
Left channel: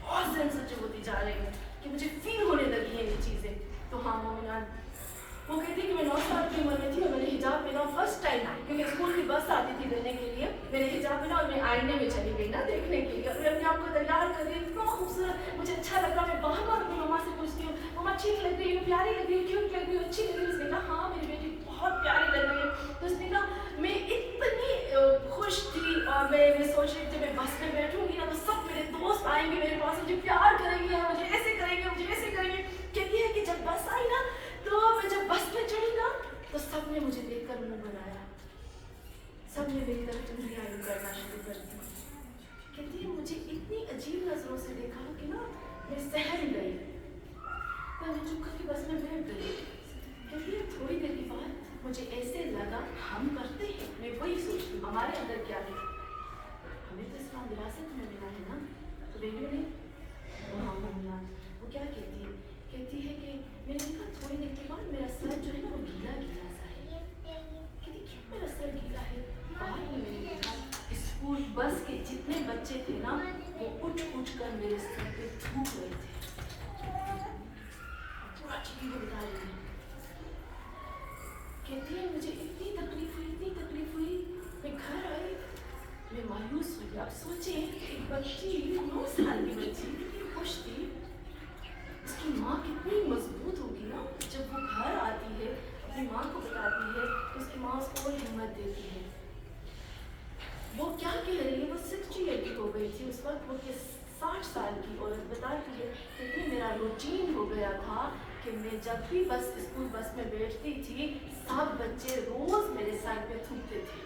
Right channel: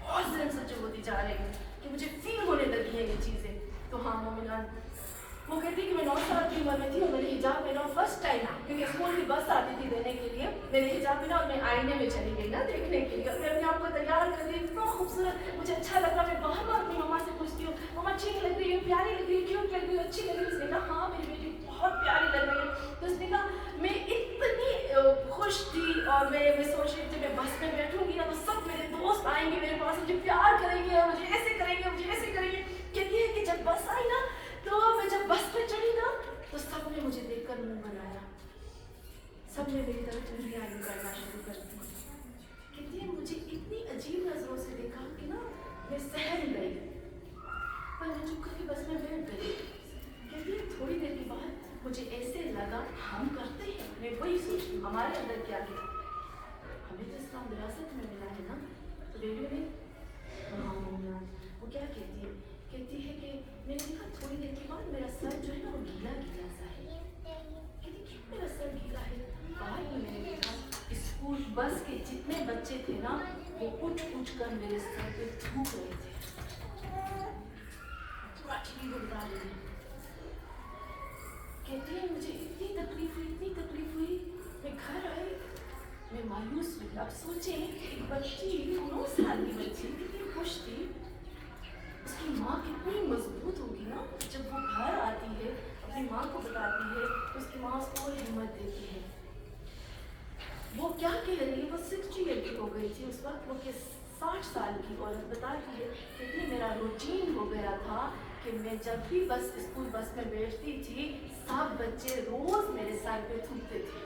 بہت سینسٹیو ہوتی جا رہی ہوں کہ مجھے فیل ہونے لگی ہیں یہ چیزیں. تو ہاں مومنات وہ کہتی ہے کہ میں 9 سال کی عمر میں تھی اور میں نے حجاب پہنا فرسٹ ٹائم, کیونکہ اسکول کی بس آتی تھی لینے کے لیے. میں نے حجاب پہنا اور میں آئینے میں چلی گئی نا دیکھنے کے لیے, اور میں اپنے آپ کو تیار کر رہی, اتنا خوبصورت مجھے اچھا لگ رہا. میں باہر اپنی مما سے پوچھتی ہوں, مما اچھی لگ رہی ہوں, پیاری لگ رہی ہوں, کیوٹ لگ رہی ہوں, اچھی لگ رہی ہوں. اس نے کہا ہاں میری بیٹی بہت پیاری لگ رہی ہے. تو اس نے کہا میں اتنی خوش تھی, اور میں سوچ رہی تھی میں بس میں بیٹھوں گی نا تو سب میرے دوست آئیں گے میرے پاس, مجھے پیار کریں گے, مجھے ایسے کریں گے, مجھے ایسے کریں گے. کہتی ہے کہ جب بس آئی نا تو میں جب بس پہ چڑھی نا تو سب نے مجھے دیکھ کر منہ بنایا, سب نے میری طرف انگلیاں کرنا شروع کر دی. کہتی ہے مجھے اتنی عجیب نظروں سے دیکھا کہ نا میں سہم گئی, پر میں چپ کر کے بس میں بیٹھ گئی. کہتی ہے تھوڑی دیر کے بعد مجھے ایسے لگا ہم کرتے ہیں, میں وہی سوچتی ہوں ہمارے اندر کیا ہے, ہمیں تو اسلام وراثت میں ملا ہے نا, تو بیٹیوں نے وہ کیا کہتی ہے, کہتی ہے کہ میں نے دیکھا تھوڑی دیر کے بعد میرا سر جو ہے نا وہ گیلا گیلا سا ہے. کہتی کیوں میرا سر گیلا ہے, بعد میں میں نے دیکھا اسکول بس کے جتنے بچے تھے نا وہ اٹھ کر میرے سر پہ تھوک رہے تھے. پورا ٹی وی کو بتا رہی ہے. کہتی ہے مجھے اتنی تکلیف ہوئی, میں گھر آئی, میں مایوس ہوئی. آپ سوچیں ایک بچی 9 سال کی بچی کتنی خوش تھی, اس کی ماں کتنی مضبوط ہوگی نا, جب وہ گھر آتی ہے اپنی ماں کو بتاتی ہے تو اس کی ماں اس کو ہمت دیتی ہے. وہ کیا کہہ رہی ہے, وہ 60 ایئر کی ہو گئی تھی اس وقت, وہ 60 سال کی عورت بتاتی ہے کہ میرا روٹین ہو گیا تھا کہ میں جب بھی اسکول بس میں بیٹھتی تھی سب بچے روز میرے سر پہ تھوکتے تھے,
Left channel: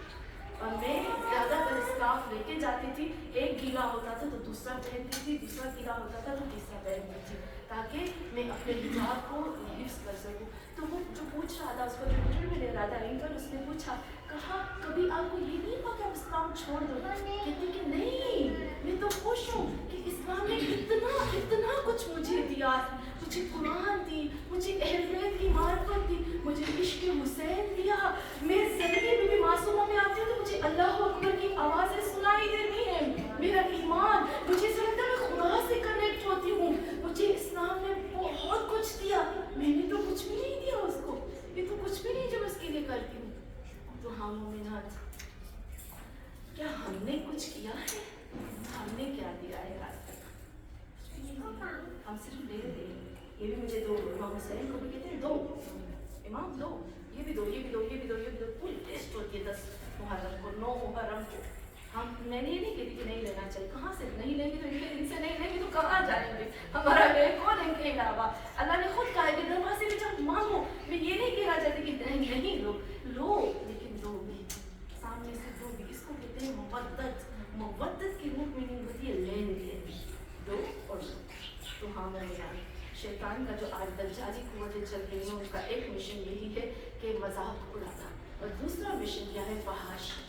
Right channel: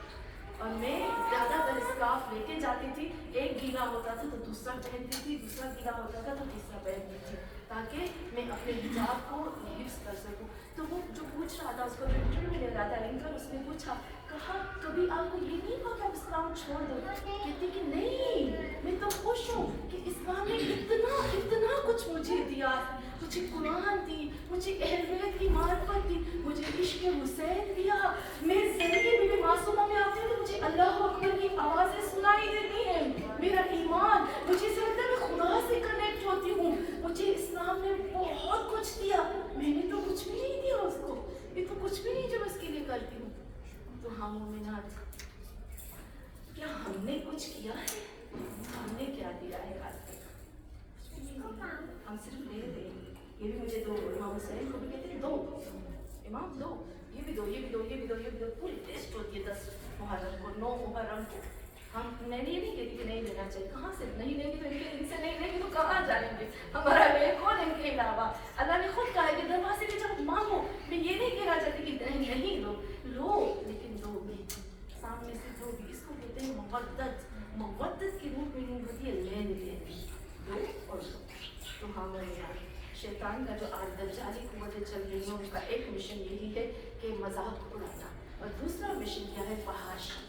اور میں زیادہ تر اسکارف لے کے جاتی تھی. ایک گیلا ہوتا تھا تو دوسرا پہنتی تھی, دوسرا گیلا ہوتا تھا تو تیسرا پہنتی تھی, تاکہ میں اپنے حجاب کو حفظ کر سکوں. تو وہ جو پوچھ رہا تھا, اس کو جو انٹرویو لے رہا تھا لنکن, اس نے پوچھا, کہا کبھی آپ کو یہ نہیں ہوا کہ آپ اسلام چھوڑ دو؟ کہتی کہ نہیں, میں تو خوش ہوں کہ اسلام نے اتنا کچھ مجھے دیا. مجھے قرآن دی, مجھے اہل بیت کی معرفت دی, مجھے عشق حسین دیا. میں زندگی میں بھی معصوموں میں آتی ہوں تو مجھے اللہ اکبر کی آوازیں سنائی دیتی ہیں. میرا ایمان, مجھے ایسا لگتا ہے میں خدا سے کنیکٹ ہوتی ہوں. مجھے اسلام نے بہت کچھ دیا, میں نے تو کچھ بھی نہیں دیا اس کو, یہ تو کچھ بھی نہیں جو میں اس کے لیے کرتی ہوں. تو ہاں مومنات, کیا ہم نے کچھ کیا ہے؟ ہم نے کیا دیا ہے آج تک؟ کچھ بھی نہیں دیا, ہم صرف لے رہے ہیں. یہ بھی مجھے دو, امام حسین کو بھی کہتے ہیں دو, امام دو, یہ بھی دو, یہ بھی دو, یہ بھی دو, یہ بھی دو. پوری لسٹ ہوتی ہے 10 محرم کو, 9 محرم کو. میں یہ نہیں کہتی کہ نہیں لینا چاہیے, کہاں سے نہیں لیں گے تو ان سے نہیں لیں گے تو کہاں جائیں گے, ہمارا لے کون ان کے علاوہ. اللہ نے خود کہا ہے کہ دروازے میں جب مانگو, میں یہ نہیں کہنا چاہتی کہ نہیں لو, لیکن دو بھی, سامنے سے دو بھی. اس کو کہتے ہیں مودت کی روح میننگ ہوتی ہے لین دین, دو اور دو. تو ہاں مومنات, شیطان کا جو آج دجالی قوتیں چل رہی ہیں ان کا ایک مشن یہی ہے کہ مذاق اڑانا, اور دوسرا مشن کیا ہے, فحاشی.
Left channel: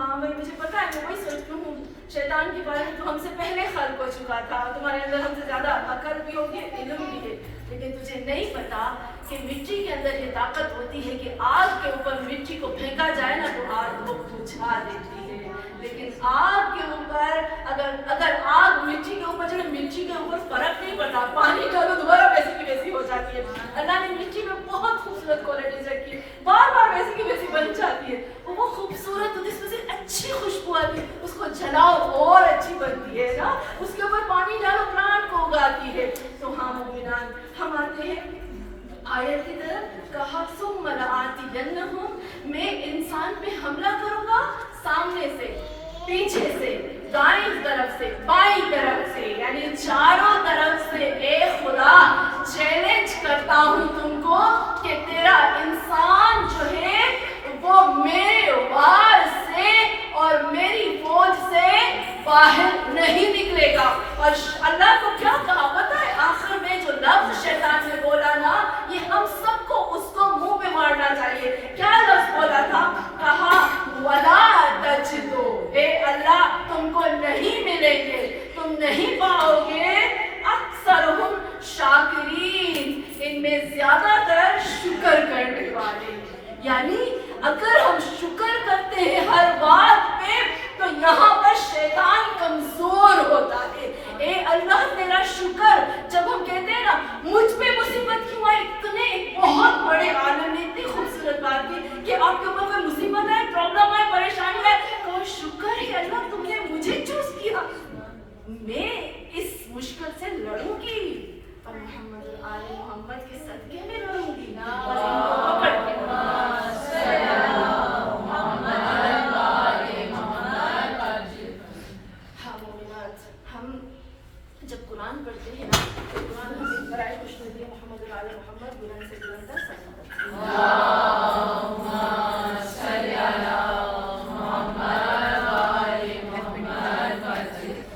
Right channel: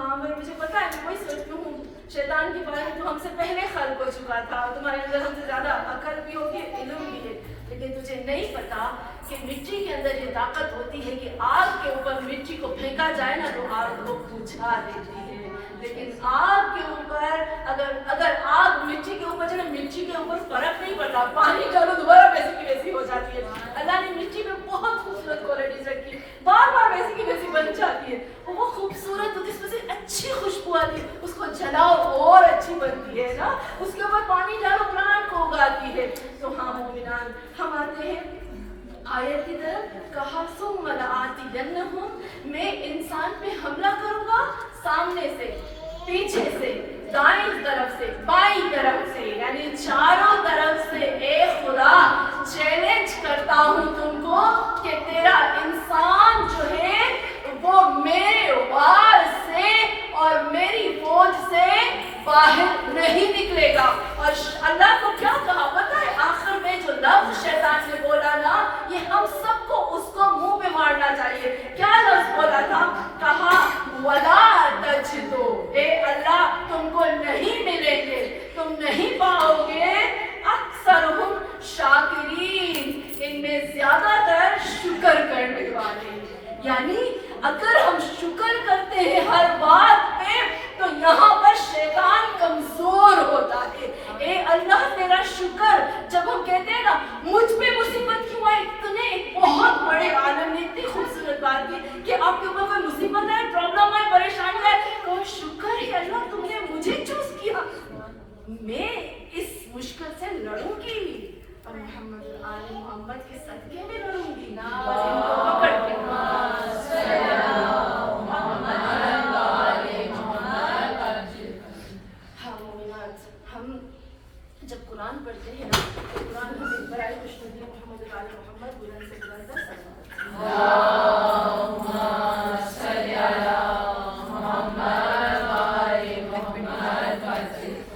ہاں بھائی مجھے پتا ہے، میں وہی سوچتی ہوں شیطان کے بارے میں تو ہم سے پہلے خلق ہو چکا تھا، تمہارے اندر ہم سے زیادہ عقل بھی ہوگی، علم بھی ہے، لیکن تجھے نہیں پتا کہ مٹی کے اندر یہ طاقت ہوتی ہے کہ آگ کے اوپر مٹی کو پھینکا جائے نا تو آگ کو بجھا دیتی ہے، لیکن آگ کے اوپر اگر آگ مٹی کے اوپر جو ہے، مٹی کے اوپر فرق نہیں پڑتا، پانی ڈالو دوبارہ ویسی کی ویسی ہو جاتی ہے۔ اللہ نے مٹی میں بہت خوبصورت کوالٹیز رکھی، بار بار ویسی کی ویسی بن جاتی ہے، وہ خوبصورت ہوتی ہے، اس میں سے اچھی خوشبو آتی ہے، اس کو جلاؤ اور اچھی بنتی ہے نا، اس کے اوپر پانی ڈالو پلانٹ کو اگاتی ہے۔ تو ہاں مومنان، ہم آتے ہیں آیت کی طرف، کہا ثم لآتینہم، میں انسان پہ حملہ کروں گا سامنے سے، پیچھے سے، دائیں طرف سے، بائیں طرف سے، یعنی چاروں طرف سے۔ اے خدا چیلنج کرتا ہوں تم کو کہ تیرا انسان جو ہے وہ میرے وار سے اور میری فوج سے باہر نہیں نکلے گا۔ اور اللہ کو کیا کہا پتہ ہے؟ آخر میں جو لفظ شیطان نے بولا نا، یہ ہم سب کو اس کو منہ پہ مارنا چاہیے۔ کیا لفظ بولا تھا؟ کہا وَلَا تَجِدُوا، اے اللہ تم کو نہیں ملیں گے، تم نہیں پاؤ گے اکثرہم شاکرین، ان میں زیادہ تر شکر کرنے والے۔ یعنی اگر ہم شکر کرتے ہیں ہر بات پہ تو یہاں پر شیطان کمزور ہوتا ہے۔ اے اللہ تیرا شکر، جب ہم کہتے ہیں نا مجھ پہ مصیبت کیوں آئی، تو نے ایک بہت بڑے عالم نے اتنی خوبصورت بات کی کہ آپ کے اوپر کوئی مصیبت ہے، پرابلم ہے، پریشانی ہے، تو شکر ہے اللہ تم نے مجھے چوز کیا، میں اس مشکل سے لڑوں گی اور محمد آل محمد کے صدقے میں لڑوں گی اور ان کو پکڑ کے ہم جب قرآن پڑھتے ہیں نا تو قرآن ہمیں برائے خوشنودی محمد آل محمد بلند سے بلند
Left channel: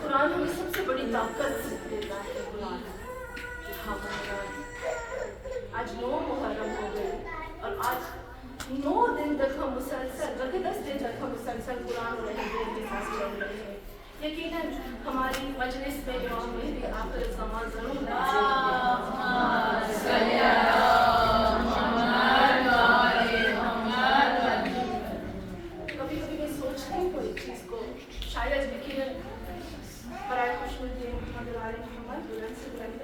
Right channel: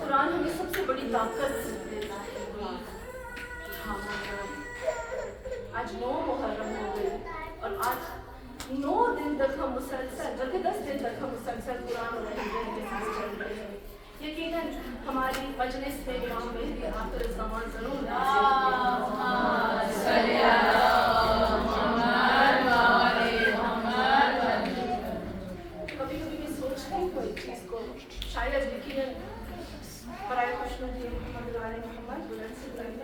قرآن ہمیں سب سے بڑی طاقت دیتا ہے۔ ہاں آج 9 محرم ہو گئی اور آج 9 دن تک ہم مسلسل، بلکہ 10 دن تک ہم مسلسل قرآن اور حدیث کے ساتھ چل رہے ہیں۔ یقیناً ہماری مجلس میں امام مہدی آخر الزمان ضرور کبھی کبھی میں سوچتی ہوں اس چیز کو، شاید یقیناً برائے خوشنودی محمد آل محمد بلند سے بلند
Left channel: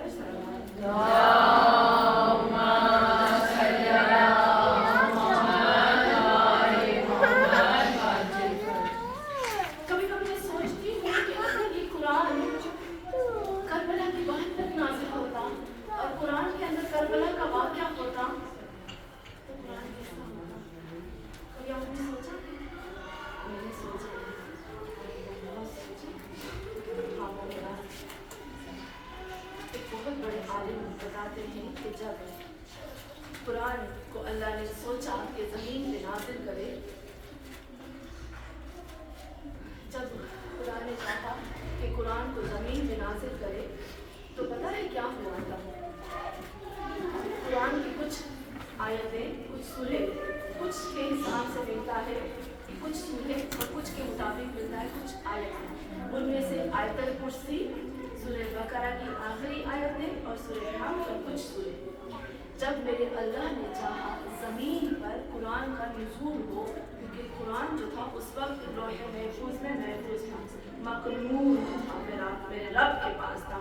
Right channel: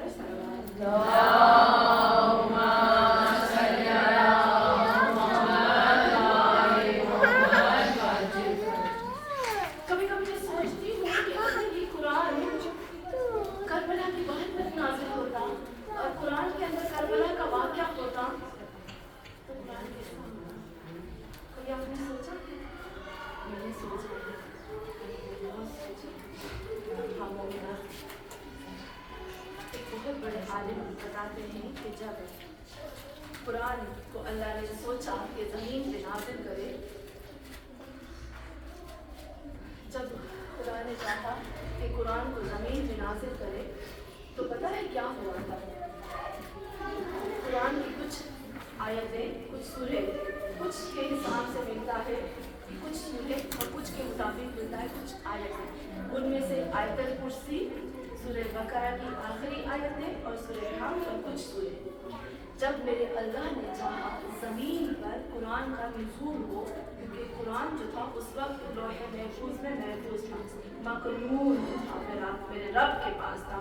بتاتے ہیں کہ جب قرآن کو اللہ نے سوچا کہ زمین پہ نازل کرے، جب خدا نے چاہا کہ قرآن کو زمین پہ نازل کرے تو پتہ ہے کیا ہوا تھا؟ قرآن کی کچھ آیتیں، کچھ سورے کچھ کے حساب سے ملتا ہے، کچھ سورے اور کچھ کے مطابق ملتا ہے کچھ آیتیں، ان میں سے آیت الکرسی، سورہ بقرہ کی آخری آیتیں اور سورہ حمد اور کچھ سورے۔ جب میرے اللہ نے چاہا زمین پر قرآن کا نزول ہو، کیونکہ قرآن جو تھا اس وقت لوح محفوظ میں محفوظ تھا، مکنون تھا، میرے رب کے پاس تھا،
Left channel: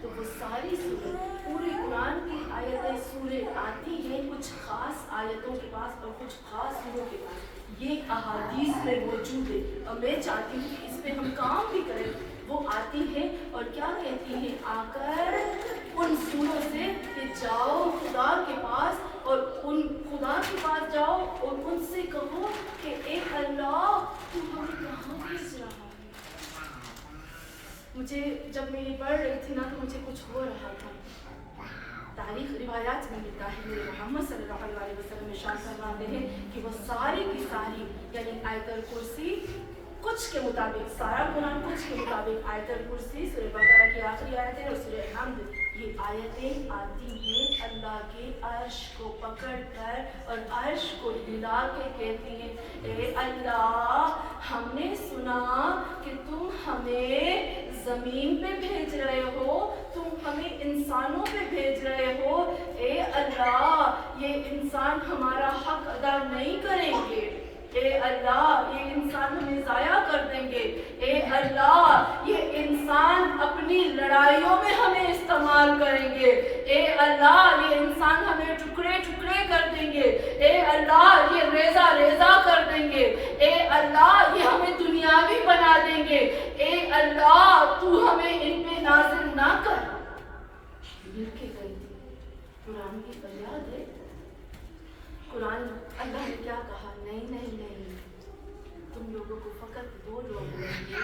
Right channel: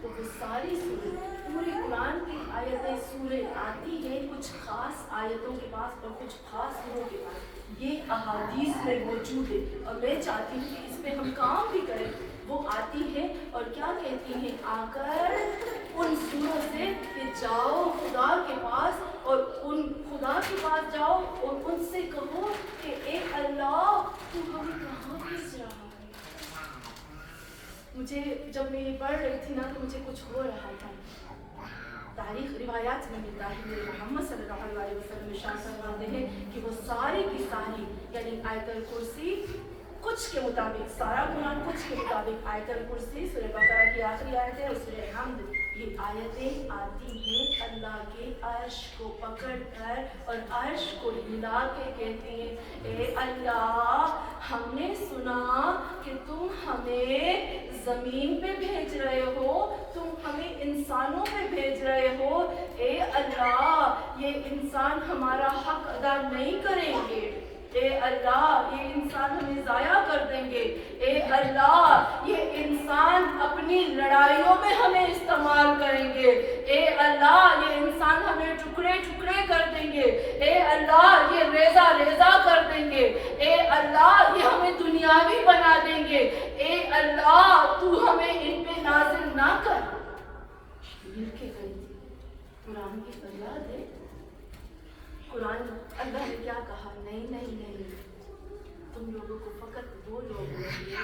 تو وہ ساری سورے، پورے قرآن کی آیتیں سورے آتی ہیں کچھ خاص آیتوں کے پاس اور کچھ خاص سوروں کے پاس، یہ احادیث میں موجود ہے اور میں چاہتی ہوں کہ اس پہ ہم کام بھی کریں۔ وہ آتی ہے اور کیا کہتی ہیں آ کر ان سوروں سے کہ جاؤ خدا کے پاس اور ان خدا کے پاس جاؤ اور ان سے کہو کہ اے اللہ تو ہمیں کہاں بھیج رہا ہے۔ مجھے جب میں یہ پڑھ رہی تھی نا تو مجھے کچھ ہو رہا تھا۔ تاریخ روایات میں ملتا ہے، میرے محمد صلی اللہ علیہ وسلم ارشاد فرماتے ہیں کہ وہ ساری کی ساری یعنی آیت الکرسی کچھ کے مطابق، سارا قرآن کچھ کے مطابق، آیت الکرسی، سورہ بقرہ کی آخری آیتیں اور سورہ حمد یہ آیتیں آتی ہیں اللہ کے عرش کو پکڑ کر اور عرش کو ہلا کے کہتی ہیں اے اللہ ہم نے سنا کہ تم ہمیں زمین پہ بھیج رہے ہو، تم ہمیں انسانوں پہ بھیج رہے ہو، اے اللہ یہ انسان ہمارا حق ادا نہیں کریں گے، اے اللہ یہ انسان ہمیں ضائع کر دیں گے، اے اللہ یہ انسان اپنی لڑائیوں میں ہمیں استعمال کریں گے، اے اللہ یہ انسان ہمیں ٹکڑے ٹکڑے کر دیں گے، اے اللہ یہ ریزہ ریزہ کر دیں گے، اے اللہ یہ ہمیں دنیاوی بنا دیں گے، اے اللہ تو ہمیں ان پہ نازل نہ کر۔ مل کے گئی تھی قرآن کی فریاد ہے۔ قرآن اللہ نے کیا کہا؟ نہیں نہیں نہیں، تم لوگوں کو فقط وہ لوگ لیں گے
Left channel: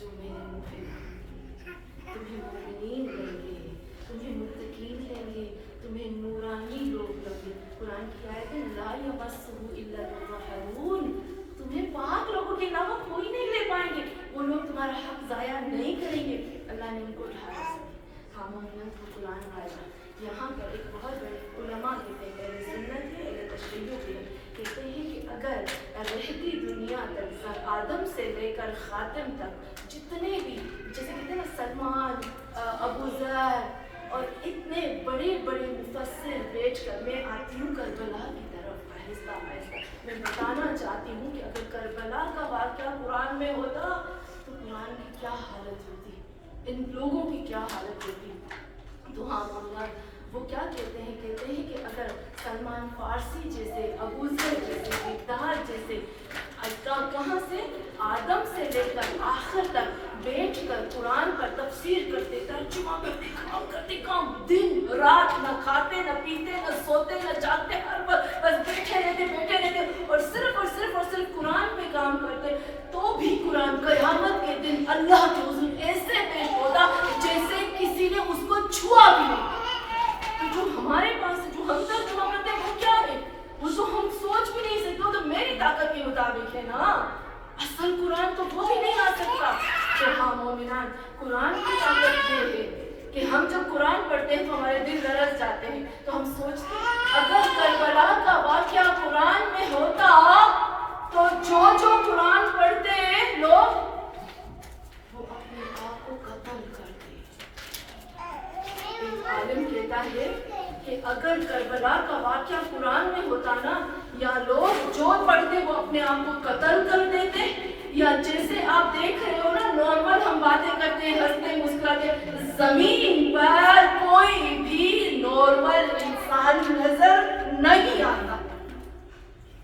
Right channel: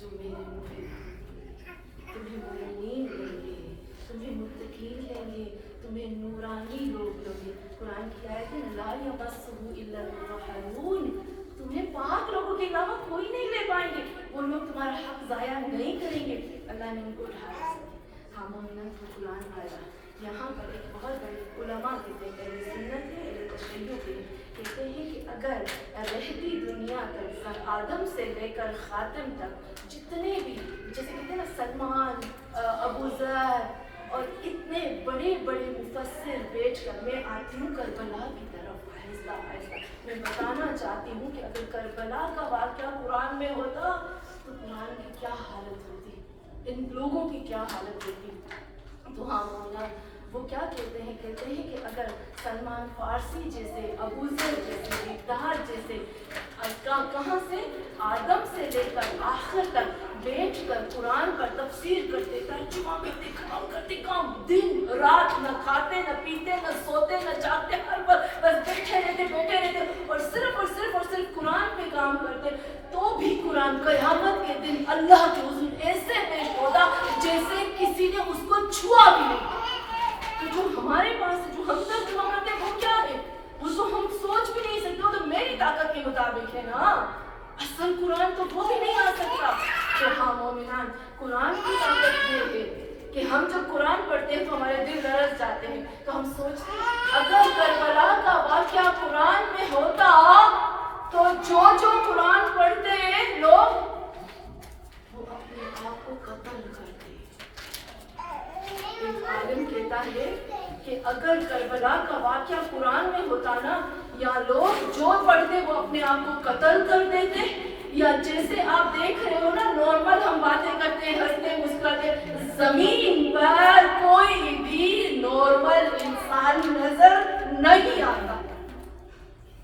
جو میرے محب، تمہیں مومنین لیں گے، تمہیں متقین لیں گے، تمہیں نورانی لوگ لیں گے۔ قرآن کی آیت ہے لا یمسہ الا المطہرون، تمہیں پاک لوگوں کے علاوہ کوئی نہیں لے پائیں گے، وہ لوگ تمہارا حق ضائع نہیں کریں گے۔ اللہ نے ان کو اٹھایا۔ ہاں مومنات وہ قرآن آیا یہاں پر ایک بہت بڑے علماء کہتے ہیں، اہل سنت ہے، اہل تشیع کے کہتے ہیں کہ اگر رہتی دنیا تک سر آدم سے لے کر خاتم تک جتنے بھی جیسے کہتے ہیں نا سلمان، ابو ذر اور اتنے بڑے بڑے مفسر بیچ کر میں آتی ہوں کربلا کی طرف آہستہ آہستہ، میں بتانا چاہتی ہوں کہ اگر کربلا کا واقعہ قرآن میں ہوتا تو قرآن کی کیا حالت ہوتی، ان لوگوں کی کیا حالت ہوتی۔ تو ہاں مولانا وہ کیا کہتے ہیں کہ اگر سلمان فارسی جیسے، ابو ذر جیسے، مقداد جیسے کہاں سے آدم سے لے کر آخر تک بیٹھ کر قرآن پر تفسیر کرتے، ترجمہ کرتے، کام دن رات، نہ کھاتے نہ پیتے نہ سوتے نہ جاگتے، ہر وقت بس بیٹھے رہتے اور صرف قرآن پہ کام کرتے، تو بھی قرآن قیامت کے دن اللہ کے حضور ایسے پیش ہوتا جیسے کسی نے اس کو چھوا بھی نہیں۔ تو جو ہمارے پاس ہے، جو ہم ترجمہ کرتے ہیں وہ کیا ہے؟ وہ تو ہم سوچ بھی نہیں سکتے، وہ تو میری طاقت کے مطابق ہے نا، اصل قرآن تو وہ بھی نہیں آ سکتا۔ تو ہاں مومنان قرآن کی طاقت یہ ہے کہ ہم جب قرآن پڑھتے ہیں تو ہمارے دل لرز جاتے ہیں، تو ہم سوچتے ہیں اگر کربلا کا واقعہ قرآن میں ہوتا تو جو قرآن پڑھتے لوگ وہ اپنے آپ کو قتل کرتے۔ ایک عالم کہتا ہے کہ اگر کربلا کا واقعہ قرآن میں ہوتا نا، یا لوگ جو پڑھتے وہ اپنے آپ کو قتل کر دیتے، یا جیسے آپ دیکھ رہے ہو نا نارمل ہم باتیں کرتے ہیں، ہنستے مسکراتے، زمین پر کوئی بھی نارمل انسان نظر نہیں آتا۔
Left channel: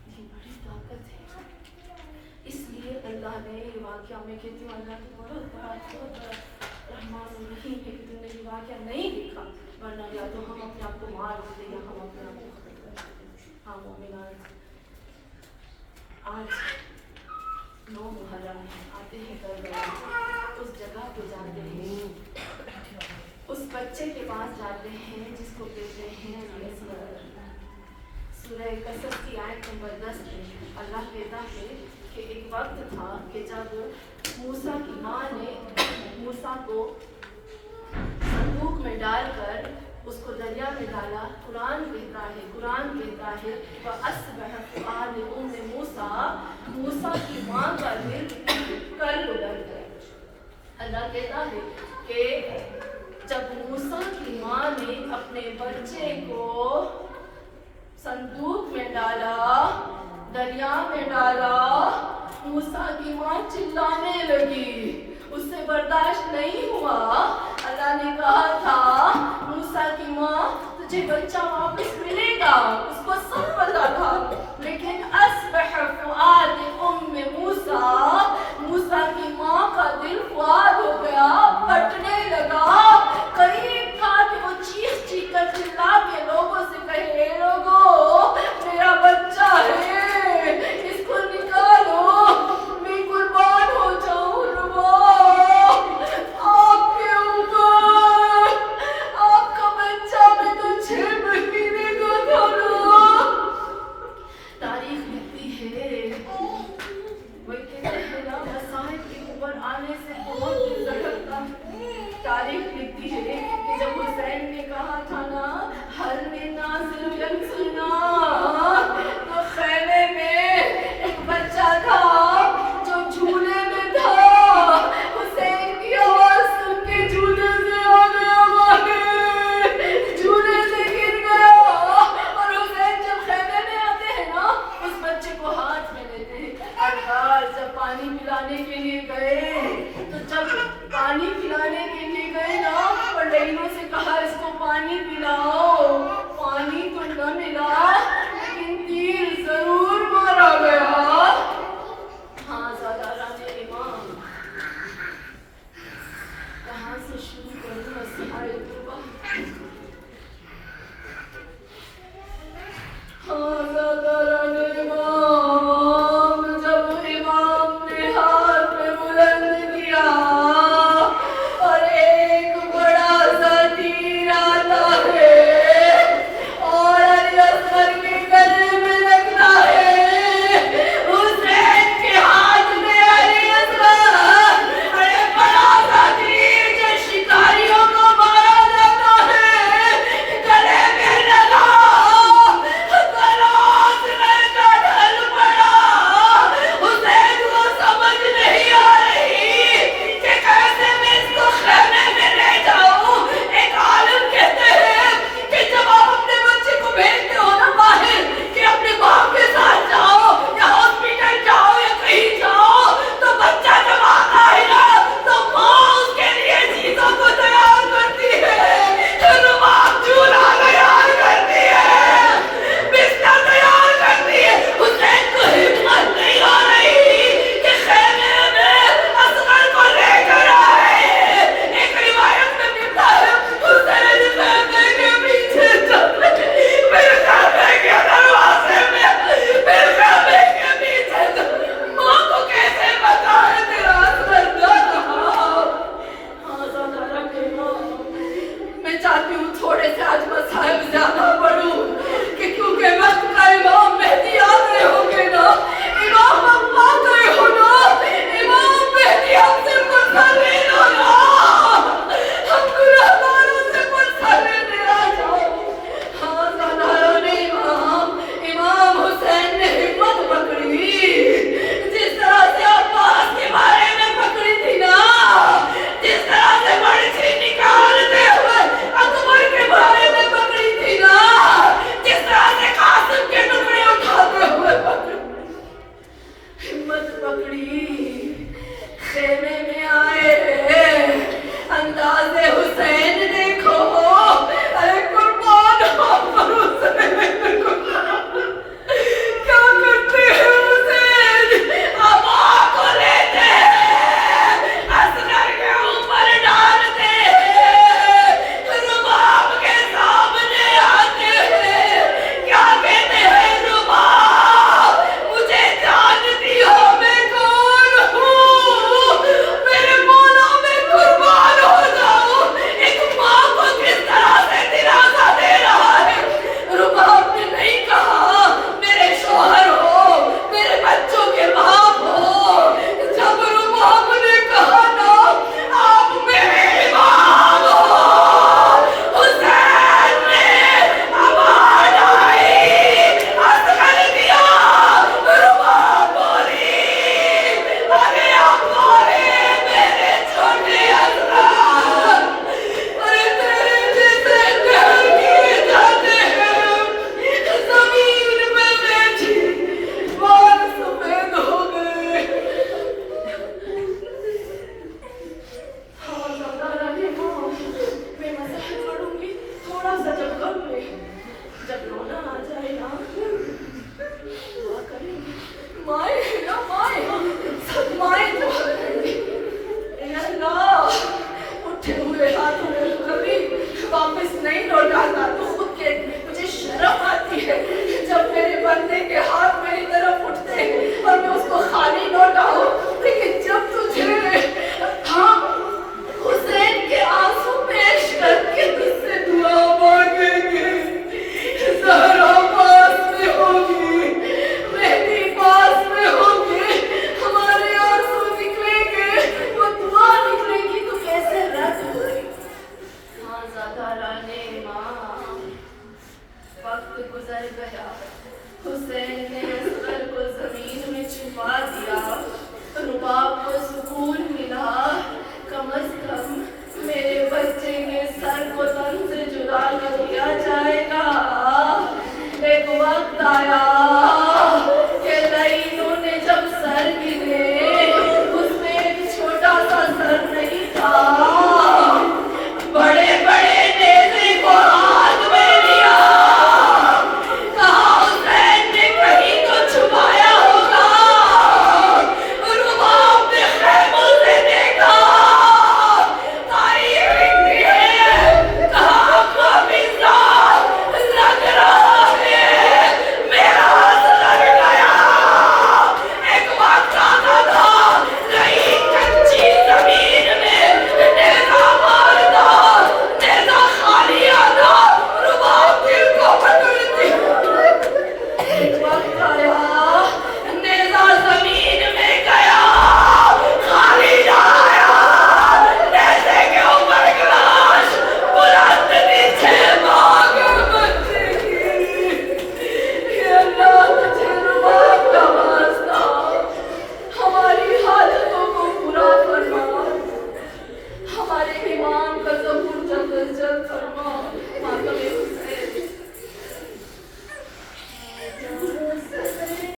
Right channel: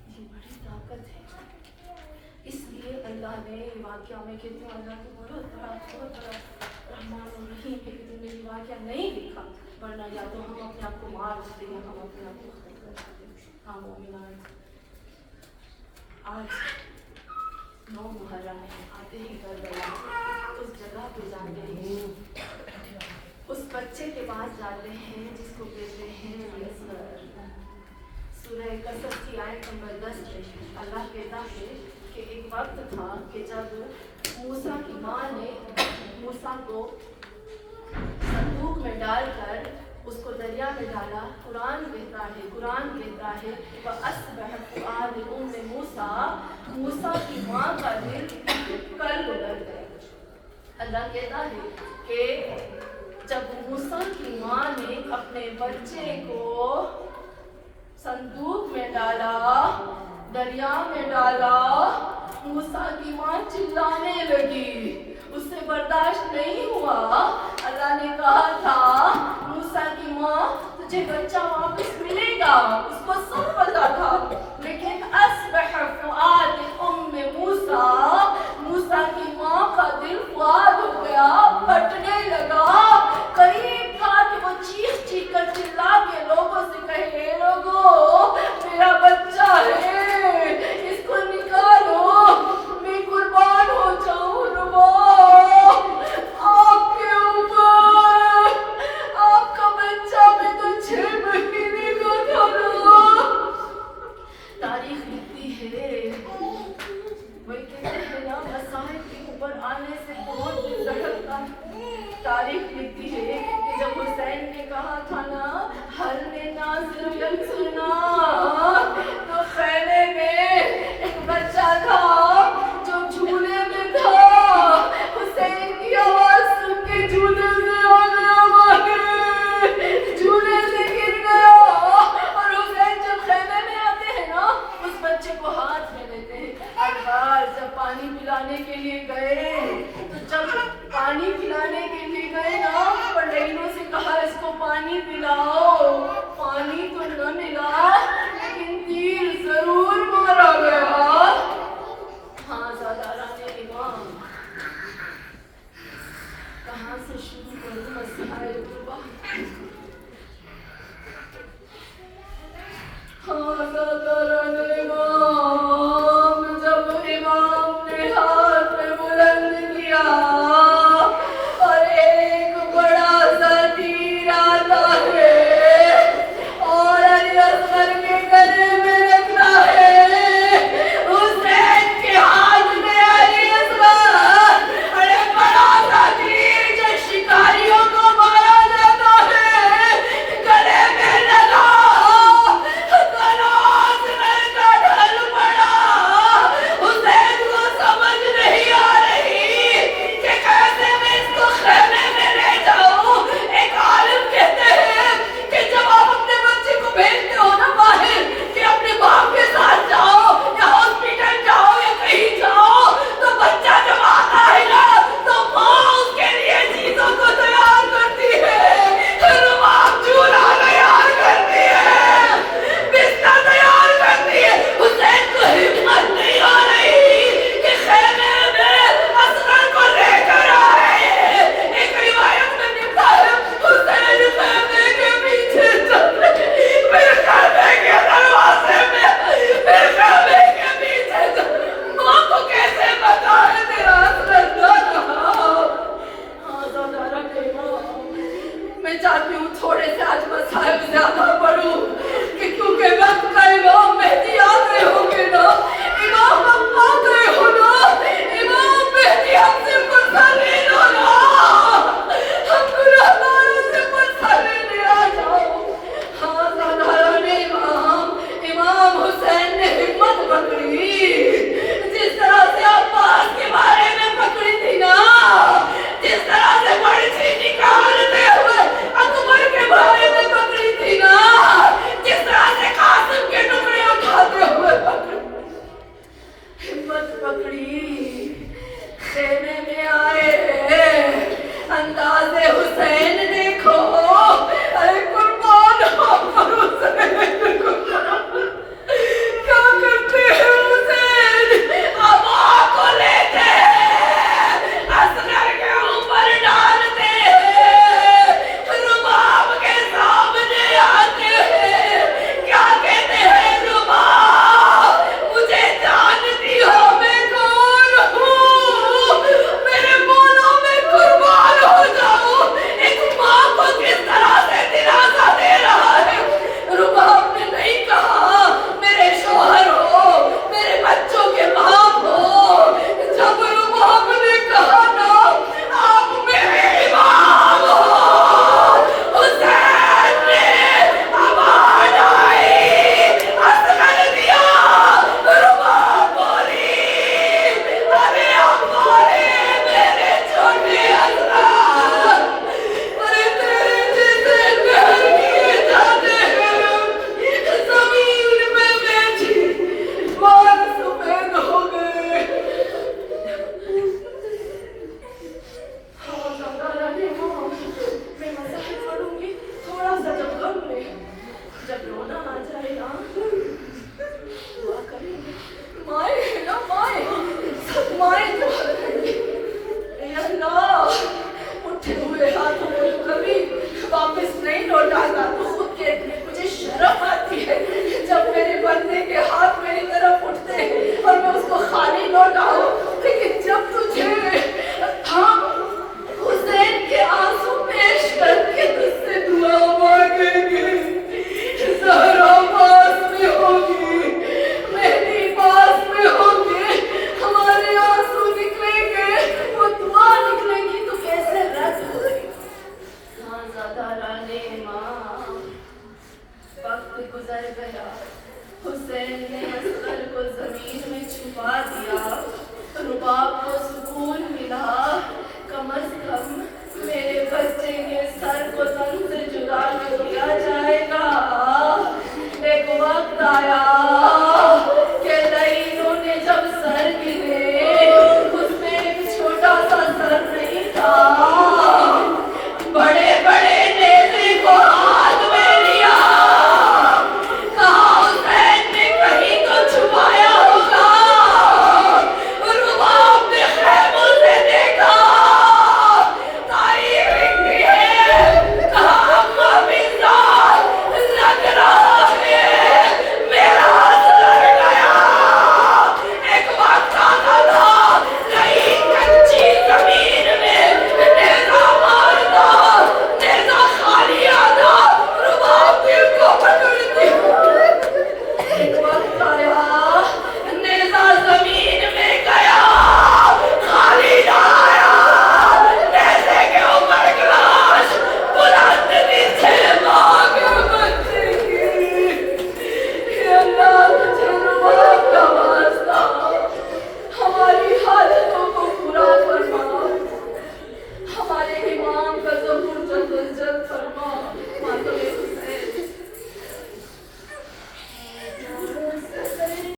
یہ بڑی طاقت ہے، اس لیے اللہ نے یہ واقعہ، میں کہتی ہوں اللہ تو بہت بڑا رحمان الرحیم ہے کہ تم نے یہ واقعہ نہیں دیکھا، ورنہ یا تو ہم اپنے آپ کو مار دیتے یا ہم اپنے آپ کو ختم کر دیتے۔ ہاں مومنان آج 9 محرم ہے، آتے ہیں کربلا، اس جگہ پہ جاتے ہیں، اس بچے کے پاس جاتے ہیں جس کو کہتے ہیں اصغر۔ سورہ قصص کی آیت نمبر 10 میں اللہ کہتا ہے کہ ایک وقت تھا کہ جب موسیٰ کی ماں نے موسیٰ کو صندوق میں ڈال کر اس کو دریا میں ڈالا۔ قرآن کہتا ہے وَأَصْبَحَ فُؤَادُ أُمِّ مُوسَىٰ، موسیٰ کی ماں کا دل کر گزر گیا۔ اللہ کہتا ہے کہ جب موسیٰ کی ماں نے اپنے بچے کو صندوق میں ڈالا، دریا میں ڈالا، موسیٰ کی ماں چلانے لگی، اس سے برداشت نہیں ہوا۔ اللہ نے کہا تھا موسیٰ کی ماں تجھے بچہ واپس ملے گا، اس کو سب پتا تھا، لیکن اصبح فؤاد ام موسیٰ، موسیٰ کی ماں کا دل فؤاد ہو گیا، پھٹنے لگا۔ قریب تھا کہ وہ چیخ چیخ کر چلا کے لوگوں سے کہے اے لوگوں میرا بچہ ہے، اس کو نکالو، میں قربان ہو جاؤں۔ آپ کے اوپر آپ کا بچہ میں تو 6 مہینے کا تھا نا، نے کہا تھا نا حل میں نازل ینصرنا، تو خیمے میں ایک بچہ تھا جو جھولے میں تھا، حسین کی آواز سن کے جھولے سے آ گیا باہر، جھولے سے گر گیا، اور حسین جب خیمے میں آتے ہیں نا اس بچے کو ہاتھ میں لیتے ہیں، ہر بار جب پانی پلانے کے لیے گئے تو جب پانی پلانے کے لیے گئے نا اور لڑکیوں سے کہا اس کو پانی پلاؤ، پانی تو نہ ملا لیکن تیر ضرور مارا گیا۔ ہاں زاداران امام، کہاں سے شروع کروں مسائل قربا؟ ہاں زاداران امام، جب امام نے ہاتھ میں بلند کیا اور ایک بڑا سا تیر آتا ہے اور علی اصغر کے گلے میں رکھنا ہے، حسین کے ہاتھ میں علی اصغر، ارے بڑا سا تیر جو شکاریوں کو مارا جاتا ہے گلے میں لگا، گلاس میں کا ڈھل پڑا، حسین کو سمجھ نہیں آ رہی کہ کیسے میں اس کو خیمے میں لے جاؤں۔ ایک عالم کہتے ہیں کہ جب آپ اپنے بچے کو بھیجتے ہو نا باہر کہ اپنے باپ کے ساتھ جاؤ یا ہاسپٹل جاؤ یا کہیں جاؤ، تو بچہ جب آتا ہے نا تو ماں اس کے لیے چیزوں کو تیار کرتی ہے، رباب جھولا تیار کرتی ہے، بستر تیار کرتی ہے۔ حسین کو ہمت نہیں ہو رہی کہ خیمے میں اصغر کو لے کر آئے۔ ایک روایت میں ملتا ہے حسین خیمے کے پیچھے چل رہے، پھر خیمے کے دروازے میں، پھر خیمے کے پیچھے چل، ماں کو کیسے پتا ہے تیرا اصغر نہ رہا؟ ہاں زاداران امام، میں چاہتی ہوں تھوڑے سے آج مسائل زیادہ پڑھوں کہ کیونکہ وقت کا امام مہدی آ گئے ہوں گے نا، امام ہم آ گئے ہو نا، امام مہدی ہم سے پرسہ لے لو نا، ہم گناہگاروں سے پرسہ لینے آ جاؤ۔ ہاں زاداران امام، امام حسین نے ہمت پکڑی، جس طرح سے عباس کے بارے میں پکڑی تھی نا، جس طرح سے مرچی نکالتے ہوئے اکبر کے بارے میں پکڑی تھی نا، جس طرح سے قاسم کے ٹکڑے اٹھاتے ہوئے پکڑی، ہمت پکڑی، خیمے میں آئے، انداز حسین دیکھو، ارے قربان ہو پر حسین کو، کیا کرتے ہیں حسین؟ ابا کو لیتے ہیں، اصغر کے اوپر ڈالتے ہیں، رباب کے سامنے آتے ہیں، کیا کہتے ہیں رباب؟ مجھے جانتی ہو میں کون ہوں، میرے مولا میں قربان ہو جاؤں، ایک ماں کو کس طرح سے دلاسا دے رہا ہے۔ رباب نے نہیں کہا میرے شوہر ہو، میرے بچوں کے باپ ہو، جب رباب نے کہا نا آپ میرے امام ہو، حسین نے آواز آئی، اصغر دیا، رباب بولی، ارے ابارے میرے چھوٹے اصغر، ارے تیرے جیسے ڈر کیے جاتے ہیں، زمین میں بیٹھی بال سفید ہو گئے۔ ہاں زاداران امام، میں مسائل پڑھوں گی تھوڑا سا جب غم میں، جب رونا آ جائے نا دعا کریں گے، مائیں ہیں نا مائیں، سب مائیں دعا کریں گے، اے اللہ اٹھے ہوئے ہاتھوں کو کبھی واپس نہیں لوٹاتا، تو خود کے مجھے شرم آتی ہے جب میرے بندے کے ہاتھ میری طرف اٹھتے ہیں اور میں اس کو خالی لوٹاؤں، لیکن جب تجھے ہم حسین کے آنسو پیش کر کے تجھ سے دعا مانگیں گے، زہرا پاس میں ہوگی، مہدی پاس میں ہوگی، ہمارے آنسو نکلیں گے، وہ دعا نکلے گی تو کیسے رد ہوئے۔ ہاں زاداران گزر گیا۔ حسین نے اصغر کو زمین میں چھپا دیا۔ رباب کو سکون ملا، کم از کم میرے بچے کے